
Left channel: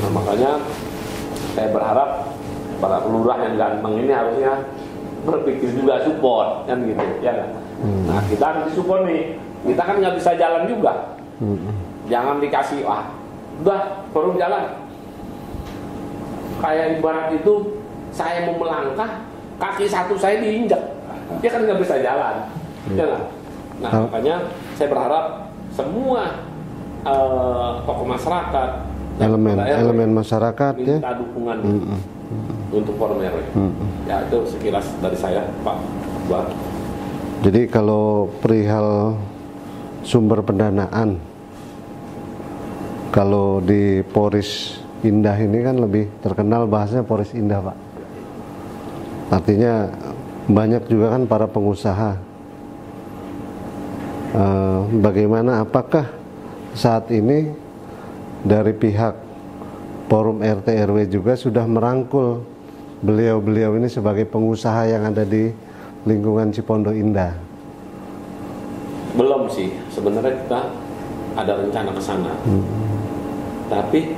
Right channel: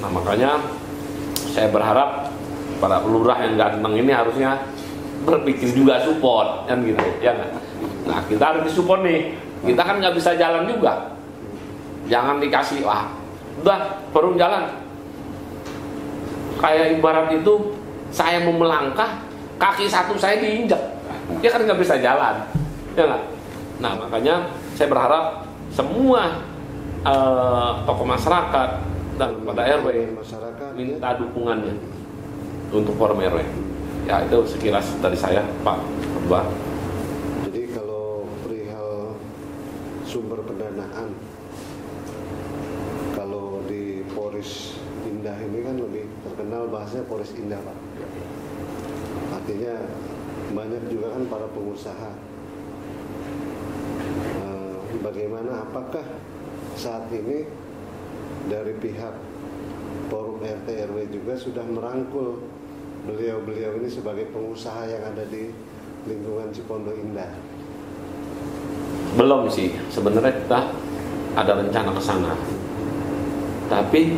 Nah, makanya saya berharap para lurah yang ganteng ini harusnya berpikir juga support kan gitu, ya kan? Nah kita harus disupport nih. Kita kan nggak bisa jalan juga. Jangan dikasih udah forum jalan. Kayak ibarat itu saya mau melangkah, kaki satu saya diinjak, dia kan nggak bisa jalan, ya nggak? Nah makanya saya berharap semua tokoh masyarakat dan elemen masyarakat minta dukungan untuk forum RW. Ya itu sekilas dari saya Pak Buat. Jadi kalau perihal sumber pendanaan, kalau di Poris Indah ini kan lebih terkenal bahasanya Poris Indah Pak. Artinya banyak juga kan para pengusaha. Bagaimana, apakah saat ini dari pihak Forum RT RW juga sudah merangkul beliau-beliau ini sebagai pengusaha yang ada di lingkungan Cipondo Indah? Belum sih, sebenarnya kita ada rencana ke sana. Tapi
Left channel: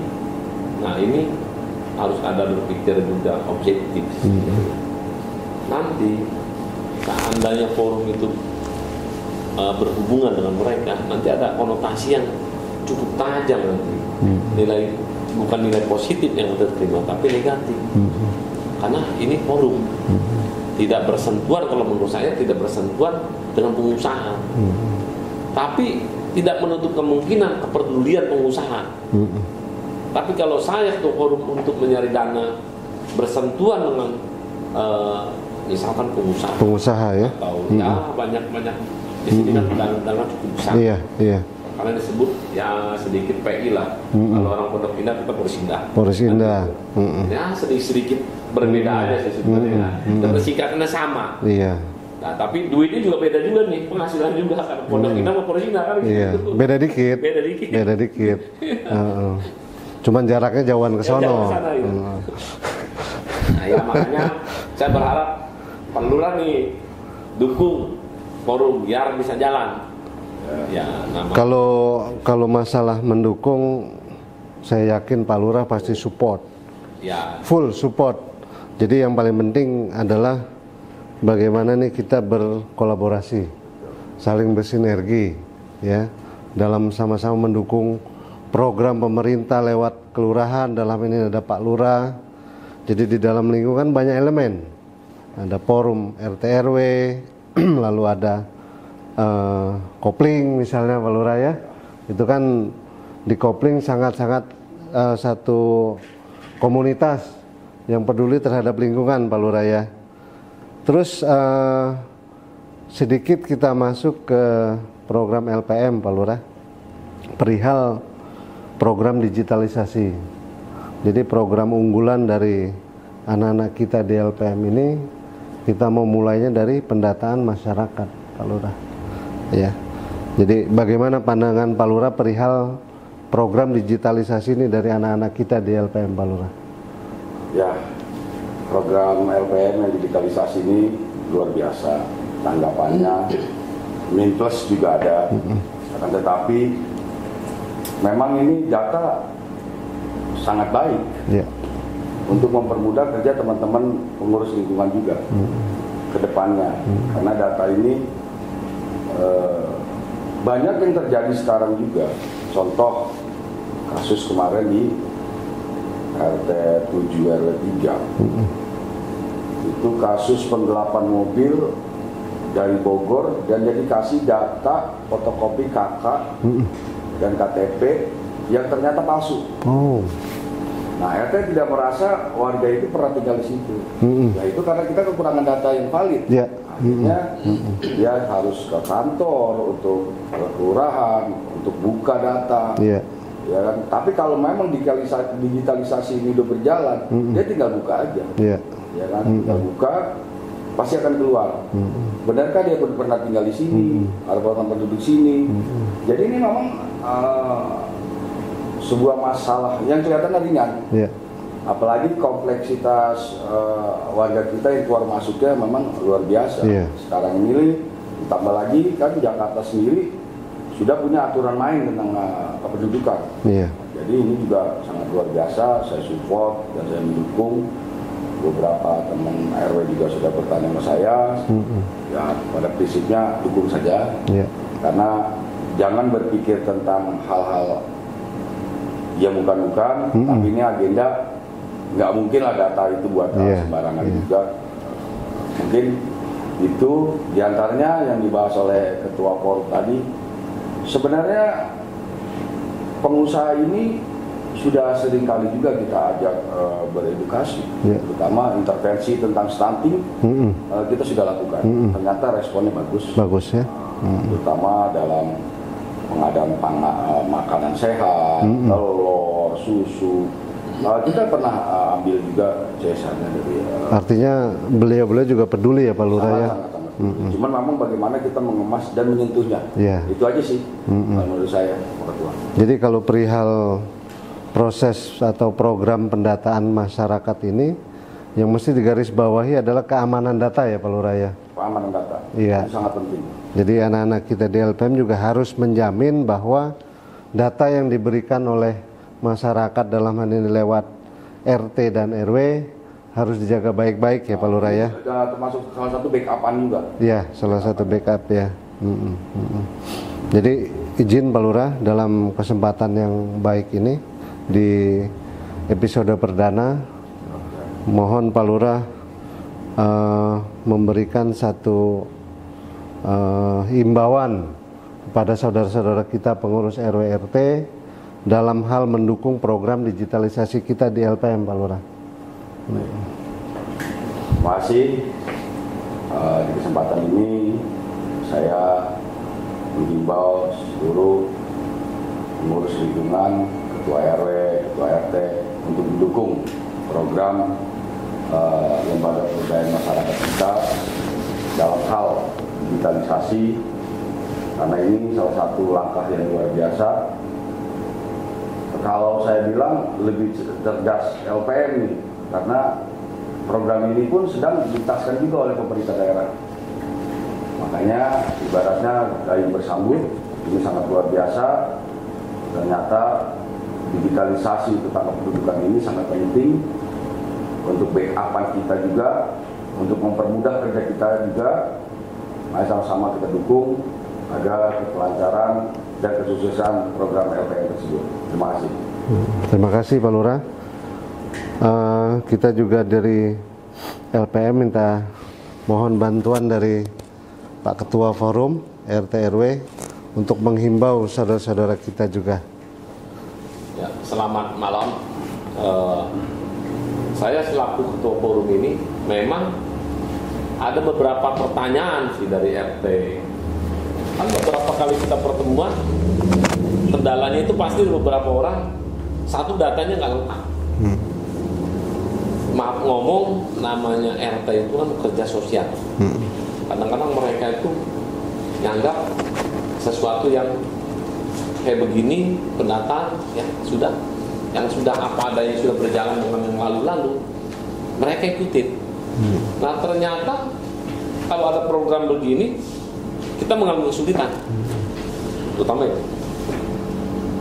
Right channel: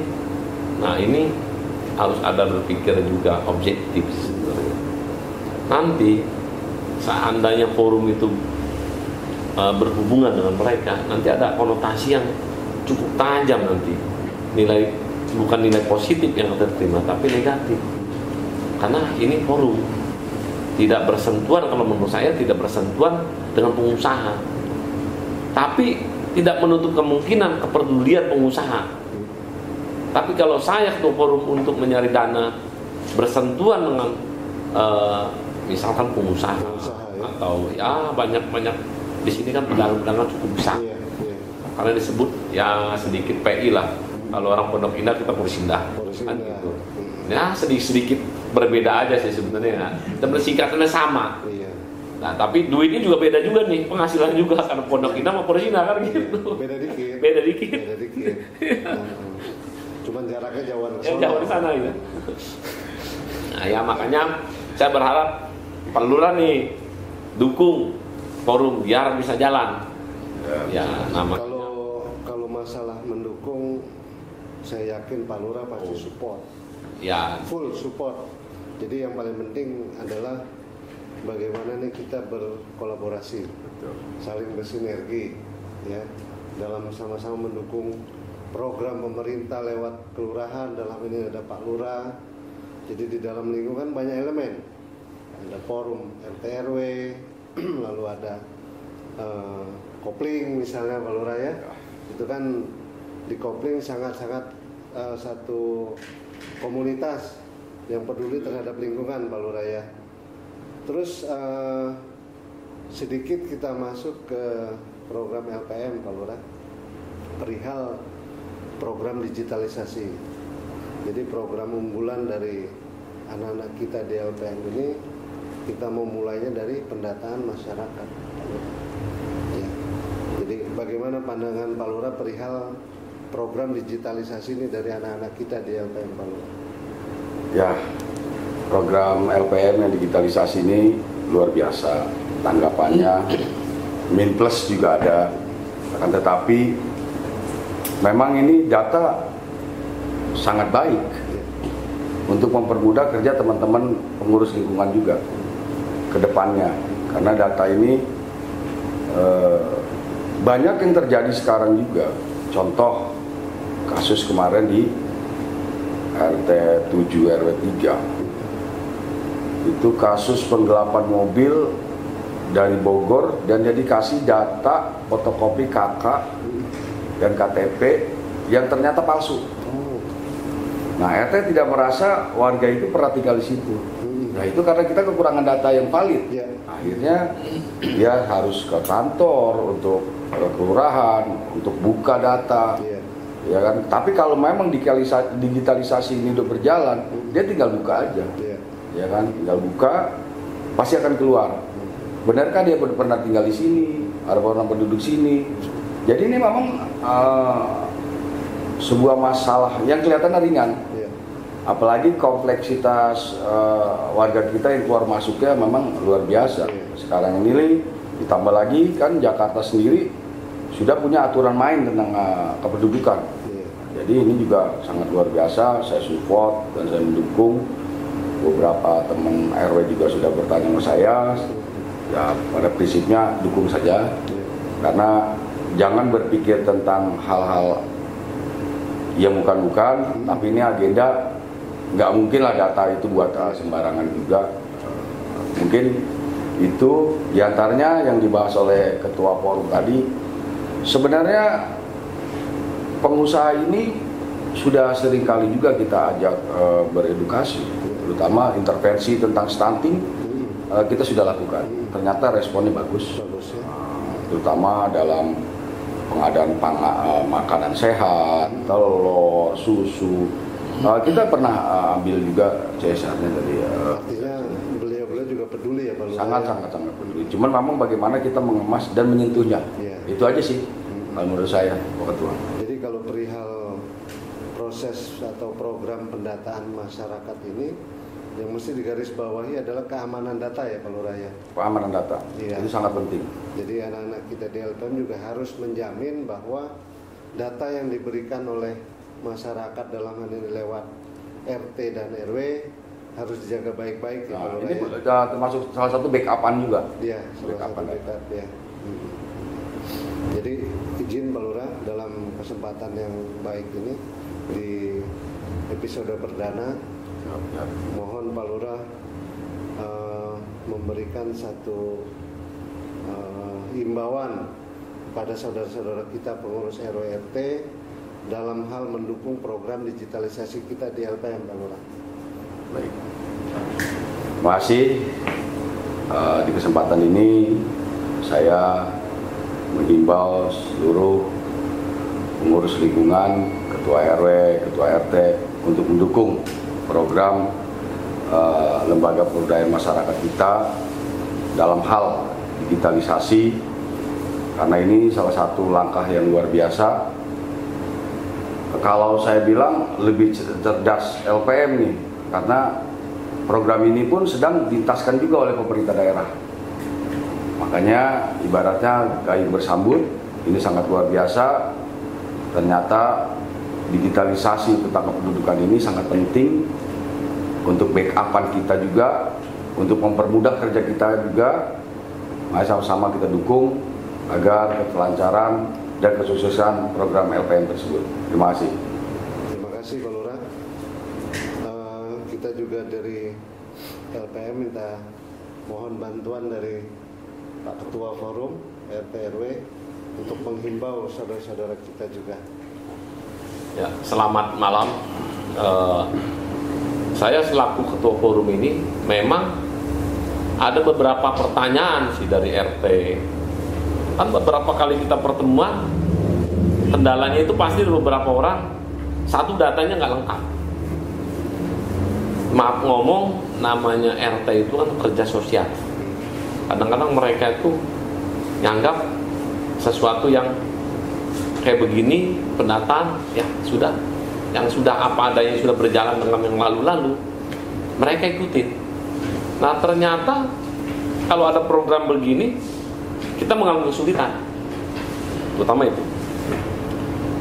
nah ini harus ada berpikir juga objektif. Nanti seandainya forum itu berhubungan dengan mereka, nanti ada konotasi yang cukup tajam nanti. Bukan nilai positif yang kita terima, tapi negatif. Karena ini forum tidak bersentuhan, kalau menurut saya tidak bersentuhan dengan pengusaha. Tapi tidak menutup kemungkinan kepedulian pengusaha. Tapi kalau saya ke forum untuk mencari dana bersentuhan dengan misalkan pengusaha ya, atau ya banyak di sini kan dana cukup besar. Iya. Karena disebut ya sedikit PI lah. Kalau orang Pondok Indah kita Poris Indah. Poris Indah. Ya sedikit berbeda aja sih sebenarnya. Tapi sikapnya sama. Iya. Nah tapi duitnya juga beda juga nih, penghasilan juga karena Pondok Indah sama Poris Indah kan gitu. Iya. Beda dikit. Cuman jaraknya jauhan ke sono. Jauh ke sana gitu. Nah ya makanya saya berharap Pak Lurah nih dukung forum biar bisa jalan. Ya, kalau masalah mendukung, saya yakin Pak Lurah pasti support. Ya. Full support. Jadi yang paling penting adalah bagaimana nih kita berkolaborasi, saling bersinergi, ya, dalam sama-sama mendukung program pemerintah lewat kelurahan. Dalam ini ada Pak Lurah. Jadi di dalam lingkungan banyak elemen. Ada forum RT RW, lalu ada kopling misalnya Pak Lurah ya. Itu kan di kopling sangat-sangat satu komunitas yang peduli terhadap lingkungan Pak Lurah ya. Terus sedikit kita masuk ke program LPM Pak Lurah, perihal program digitalisasi. Jadi program unggulan dari anak-anak kita di LPM ini, kita mau mulainya dari pendataan masyarakat Pak Lurah ya. Jadi bagaimana pandangan Pak Lurah perihal program digitalisasi ini dari anak-anak kita di LPM Pak Lurah? Ya, program LPM yang digitalisasi ini luar biasa tanggapannya, min plus juga ada. Akan tetapi memang ini data sangat baik untuk mempermudah kerja teman-teman pengurus lingkungan juga ke depannya. Karena data ini banyak yang terjadi sekarang juga. Contoh kasus kemarin di RT 7 RW 3 itu kasus penggelapan mobil dari Bogor, dan dia dikasih data fotokopi KK dan KTP yang ternyata palsu. Oh. Nah, RT tidak merasa warga itu pernah tinggal di situ. Nah, itu karena kita kekurangan data yang valid. Ya. Akhirnya dia harus ke kantor untuk ke kelurahan untuk buka data. Iya. Ya kan? Tapi kalau memang digitalisasi ini udah berjalan, dia tinggal buka aja. Iya. Ya kan? Tinggal buka, pasti akan keluar. Benarkah dia pernah tinggal di sini? Ada orang penduduk sini? Jadi ini memang sebuah masalah yang kelihatan ringan. Iya. Apalagi kompleksitas warga kita yang keluar masuknya memang luar biasa. Iya. Sekarang ini ditambah lagi kan Jakarta sendiri sudah punya aturan main tentang kependudukan. Iya. Jadi ini juga sangat luar biasa. Saya support dan saya mendukung. Beberapa teman RW juga sudah bertanya ke saya. Ya pada prinsipnya dukung saja. Iya. Karena jangan berpikir tentang hal-hal yang bukan-bukan, tapi ini agenda nggak mungkin lah data itu buat sembarangan juga. Mungkin itu diantaranya yang dibahas oleh Ketua Forum tadi. Sebenarnya pengusaha ini sudah sering kali juga kita ajak beredukasi, terutama intervensi tentang stunting kita sudah lakukan. Ternyata responnya bagus. Bagus ya. Terutama dalam pengadaan makanan sehat, telur, susu. Kita pernah ambil juga CSR-nya dari. Artinya beliau-beliau juga peduli ya Pak Lurah ya. Sangat peduli. Cuman memang bagaimana kita mengemas dan menyentuhnya. Iya. Itu aja sih menurut saya, Pak Ketua. Jadi kalau perihal proses atau program pendataan masyarakat ini, yang mesti digarisbawahi adalah keamanan data ya Pak Lurah ya. Keamanan data. Iya. Itu sangat penting. Jadi anak-anak kita di LPM juga harus menjamin bahwa data yang diberikan oleh masyarakat dalam hal ini lewat RT dan RW harus dijaga baik-baik ya Pak Lurah ya. Termasuk salah satu backup-an juga. Iya, salah satu backup ya. Jadi izin Pak Lurah dalam kesempatan yang baik ini di episode perdana, mohon Pak Lurah memberikan satu himbauan kepada saudara-saudara kita pengurus RW RT dalam hal mendukung program digitalisasi kita di LPM Pak Lurah. Baik. Terima kasih. Di kesempatan ini saya menghimbau seluruh pengurus lingkungan, ketua RW, ketua RT untuk mendukung program lembaga pemberdayaan masyarakat kita dalam hal digitalisasi, karena ini salah satu langkah yang luar biasa. Kalau saya bilang lebih cerdas LPM nih, karena program ini pun sedang ditaskan juga oleh pemerintah daerah. Makanya ibaratnya gayung bersambut, ini sangat luar biasa. Ternyata digitalisasi tentang kependudukan ini sangat penting untuk backupan kita juga, untuk mempermudah kerja kita juga. Mari sama-sama kita dukung agar kelancaran dan kesuksesan program LPM tersebut. Terima kasih. Terima kasih Pak Lurah. Kita juga dari LPM minta mohon bantuan dari Pak Ketua Forum RT RW untuk menghimbau saudara-saudara kita juga. Ya, selamat malam. Saya selaku Ketua Forum ini memang ada beberapa pertanyaan sih dari RT. Kan beberapa kali kita pertemuan, kendalanya itu pasti beberapa orang satu datanya nggak lengkap. Maaf ngomong, namanya RT itu kan kerja sosial. Kadang-kadang mereka itu nganggap sesuatu yang kayak begini pendataan ya sudah, yang sudah apa adanya sudah berjalan dengan yang lalu-lalu mereka ikutin. Nah ternyata kalau ada program begini kita mengalami kesulitan, terutama itu.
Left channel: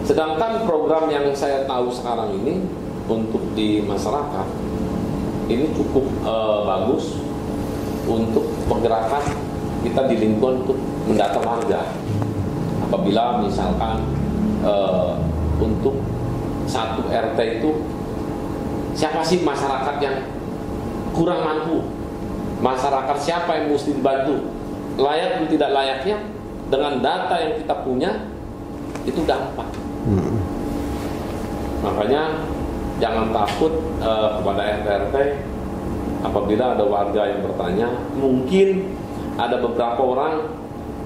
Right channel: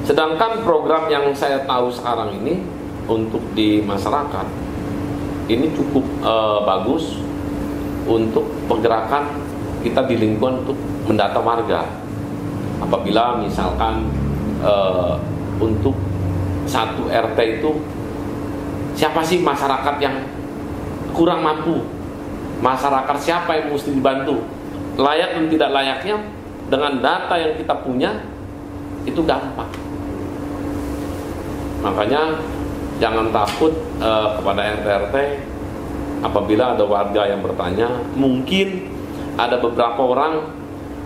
Sedangkan program yang saya tahu sekarang ini untuk di masyarakat ini cukup bagus untuk pergerakan kita di lingkungan untuk mendata warga. Apabila misalkan untuk satu RT itu siapa sih masyarakat yang kurang mampu, masyarakat siapa yang mesti dibantu, layak dan tidak layaknya dengan data yang kita punya itu gampang. Makanya jangan takut kepada RT apabila ada warga yang bertanya. Mungkin ada beberapa orang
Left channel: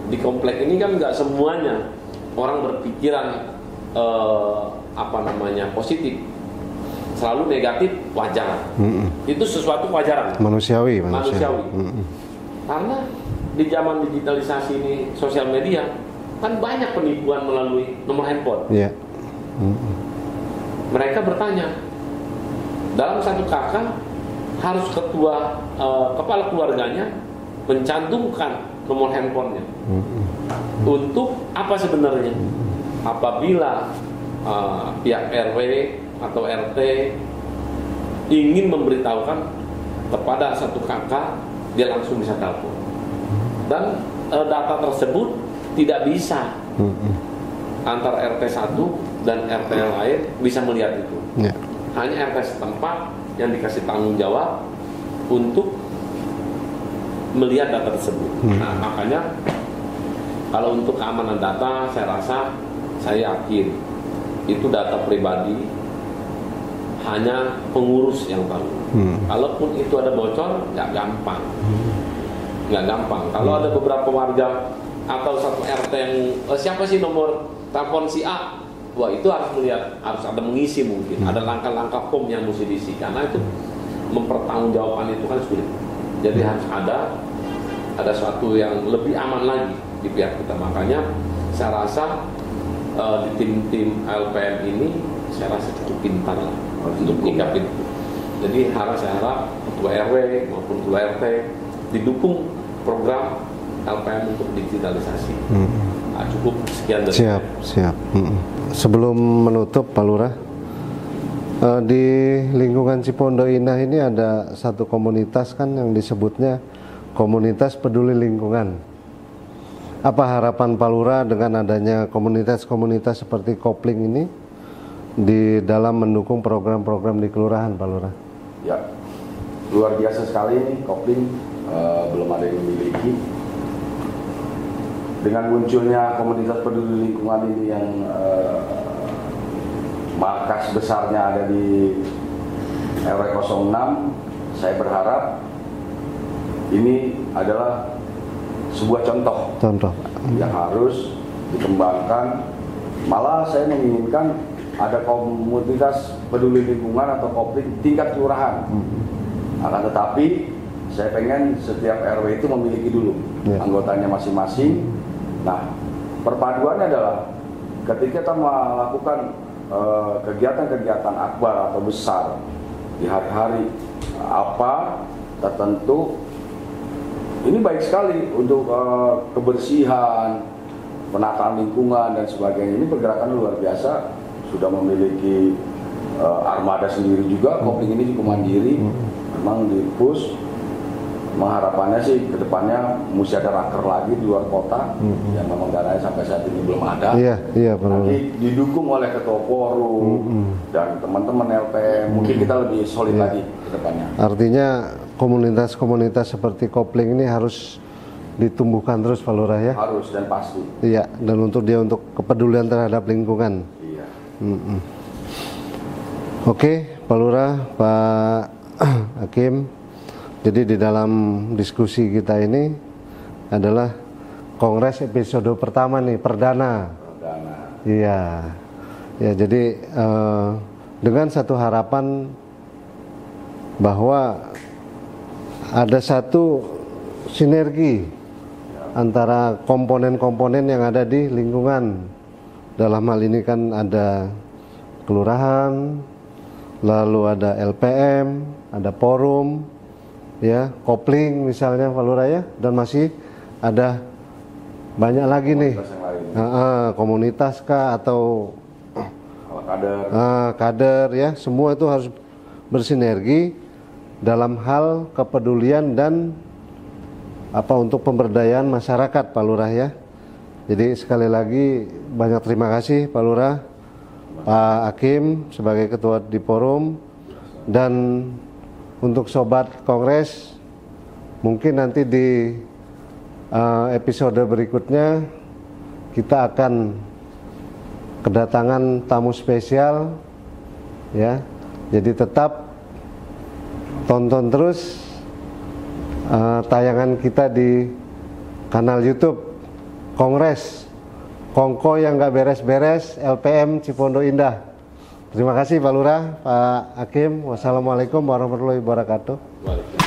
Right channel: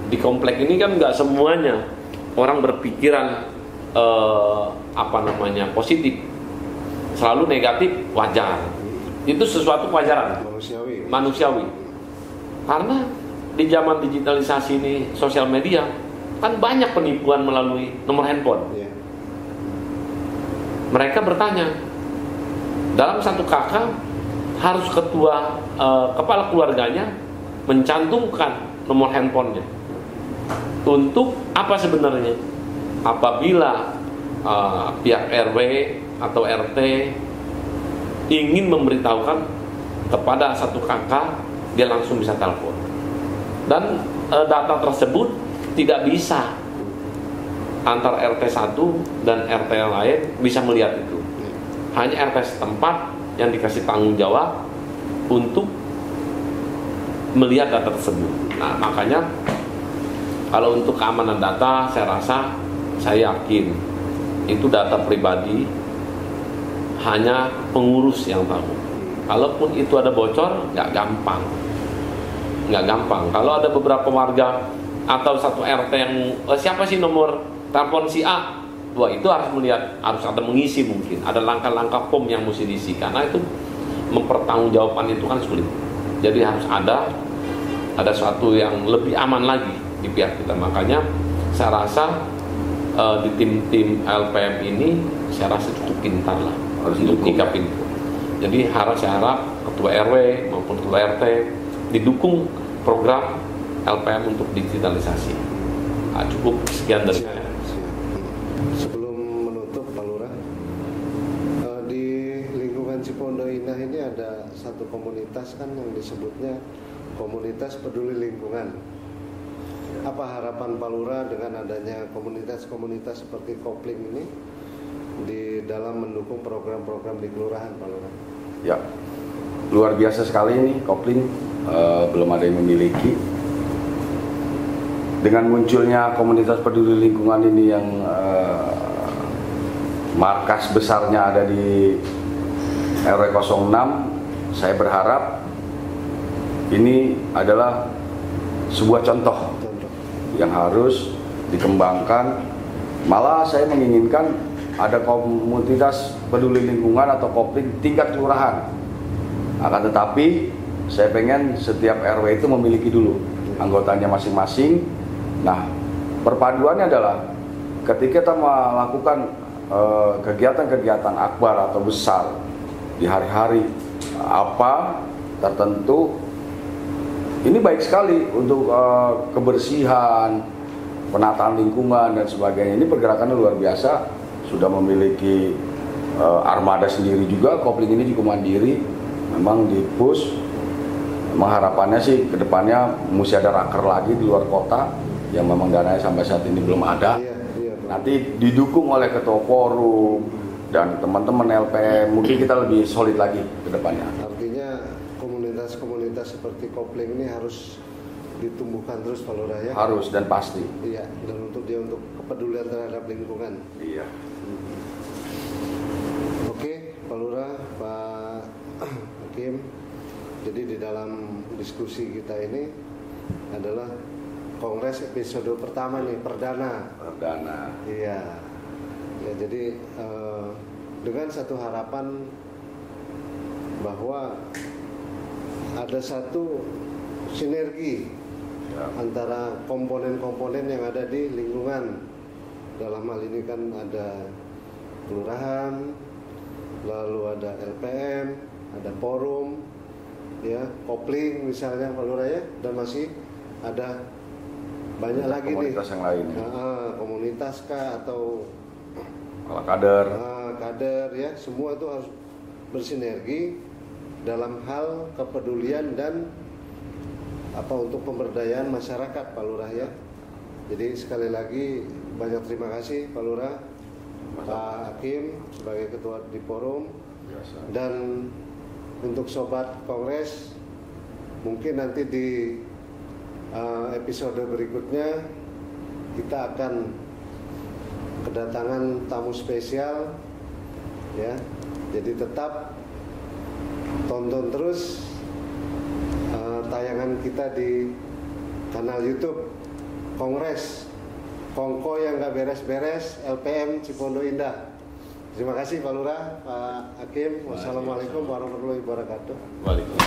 di komplek ini kan nggak semuanya orang berpikiran positif, selalu negatif, wajar. Itu sesuatu kewajaran, manusiawi. Karena di zaman digitalisasi di sosial media kan banyak penipuan melalui nomor handphone. Mereka bertanya, dalam satu kakak harus kepala keluarganya mencantumkan nomor handphonenya. Untuk apa sebenarnya? Apabila pihak RW atau RT ingin memberitahukan kepada satu kakak, dia langsung bisa telepon. Dan data tersebut tidak bisa antar RT 1 dan RT lain bisa melihat itu. Hanya RT setempat yang dikasih tanggung jawab untuk melihat data tersebut. Nah, makanya kalau untuk keamanan data, saya yakin itu data pribadi hanya pengurus yang tahu. Kalaupun itu ada bocor, nggak gampang. Kalau ada beberapa warga atau satu RT yang siapa sih nomor telepon si A, wah itu harus melihat, harus ada mengisi mungkin, ada langkah-langkah form yang mesti diisi, karena itu mempertanggungjawaban itu kan sulit. Jadi harus ada suatu yang lebih aman lagi di pihak kita. Makanya saya rasa di tim-tim LPM ini saya rasa cukup pintar lah untuk nyikapin itu. Jadi saya harap ketua RW maupun ketua RT didukung program LPM untuk digitalisasi. Cukup sekian dari siap. Sebelum menutup Pak Lurah, di lingkungan Cipondo Indah ini ada satu komunitas kan yang disebutnya Komunitas Peduli Lingkungan. Apa harapan Pak Lurah dengan adanya komunitas-komunitas seperti Kopling ini di dalam mendukung program-program di kelurahan, Pak Lurah? Ya, luar biasa sekali ini Kopling, belum ada yang memiliki. Dengan munculnya komunitas peduli lingkungan ini yang markas besarnya ada di RW 06, saya berharap ini adalah sebuah contoh yang harus dikembangkan. Malah saya menginginkan ada komunitas peduli lingkungan atau Kopling tingkat kelurahan. Akan tetapi saya pengen setiap RW itu memiliki dulu anggotanya masing-masing. Nah, perpaduannya adalah ketika kita melakukan kegiatan-kegiatan akbar atau besar di hari-hari apa tertentu, ini baik sekali untuk kebersihan, penataan lingkungan dan sebagainya. Ini pergerakannya luar biasa, sudah memiliki armada sendiri juga. Kopling ini juga mandiri, memang di push. Harapannya sih kedepannya mesti ada raker lagi di luar kota yang memang dananya sampai saat ini belum ada. Nanti didukung oleh ketua forum dan teman-teman LPM, mungkin kita lebih solid lagi kedepannya. Artinya komunitas-komunitas seperti Kopling ini harus ditumbuhkan terus, Pak Lurah ya? Harus dan pasti. Iya, dan untuk kepedulian terhadap lingkungan. Iya. Oke, Pak Lurah, Pak Hakim. Jadi di dalam diskusi kita ini adalah kongres episode pertama nih, perdana. Iya. Ya, jadi dengan satu harapan bahwa ada satu sinergi antara komponen-komponen yang ada di lingkungan. Dalam hal ini kan ada kelurahan, lalu ada LPM, ada forum, ya, Kopling misalnya Pak Lurah ya, dan masih ada banyak lagi komunitas nih yang lain. komunitas kah atau kader ya, semua itu harus bersinergi dalam hal kepedulian dan untuk pemberdayaan masyarakat, Pak Lurah ya. Jadi sekali lagi banyak terima kasih Pak Lurah, Pak Hakim sebagai ketua di forum, dan untuk sobat kongres mungkin nanti di episode berikutnya kita akan kedatangan tamu spesial ya. Jadi tetap tonton terus tayangan kita di kanal YouTube Kongres Kongko yang nggak beres-beres LPM Cipondo Indah. Terima kasih Pak Lurah, Pak Hakim. Wassalamualaikum warahmatullahi wabarakatuh. Waalaikumsalam.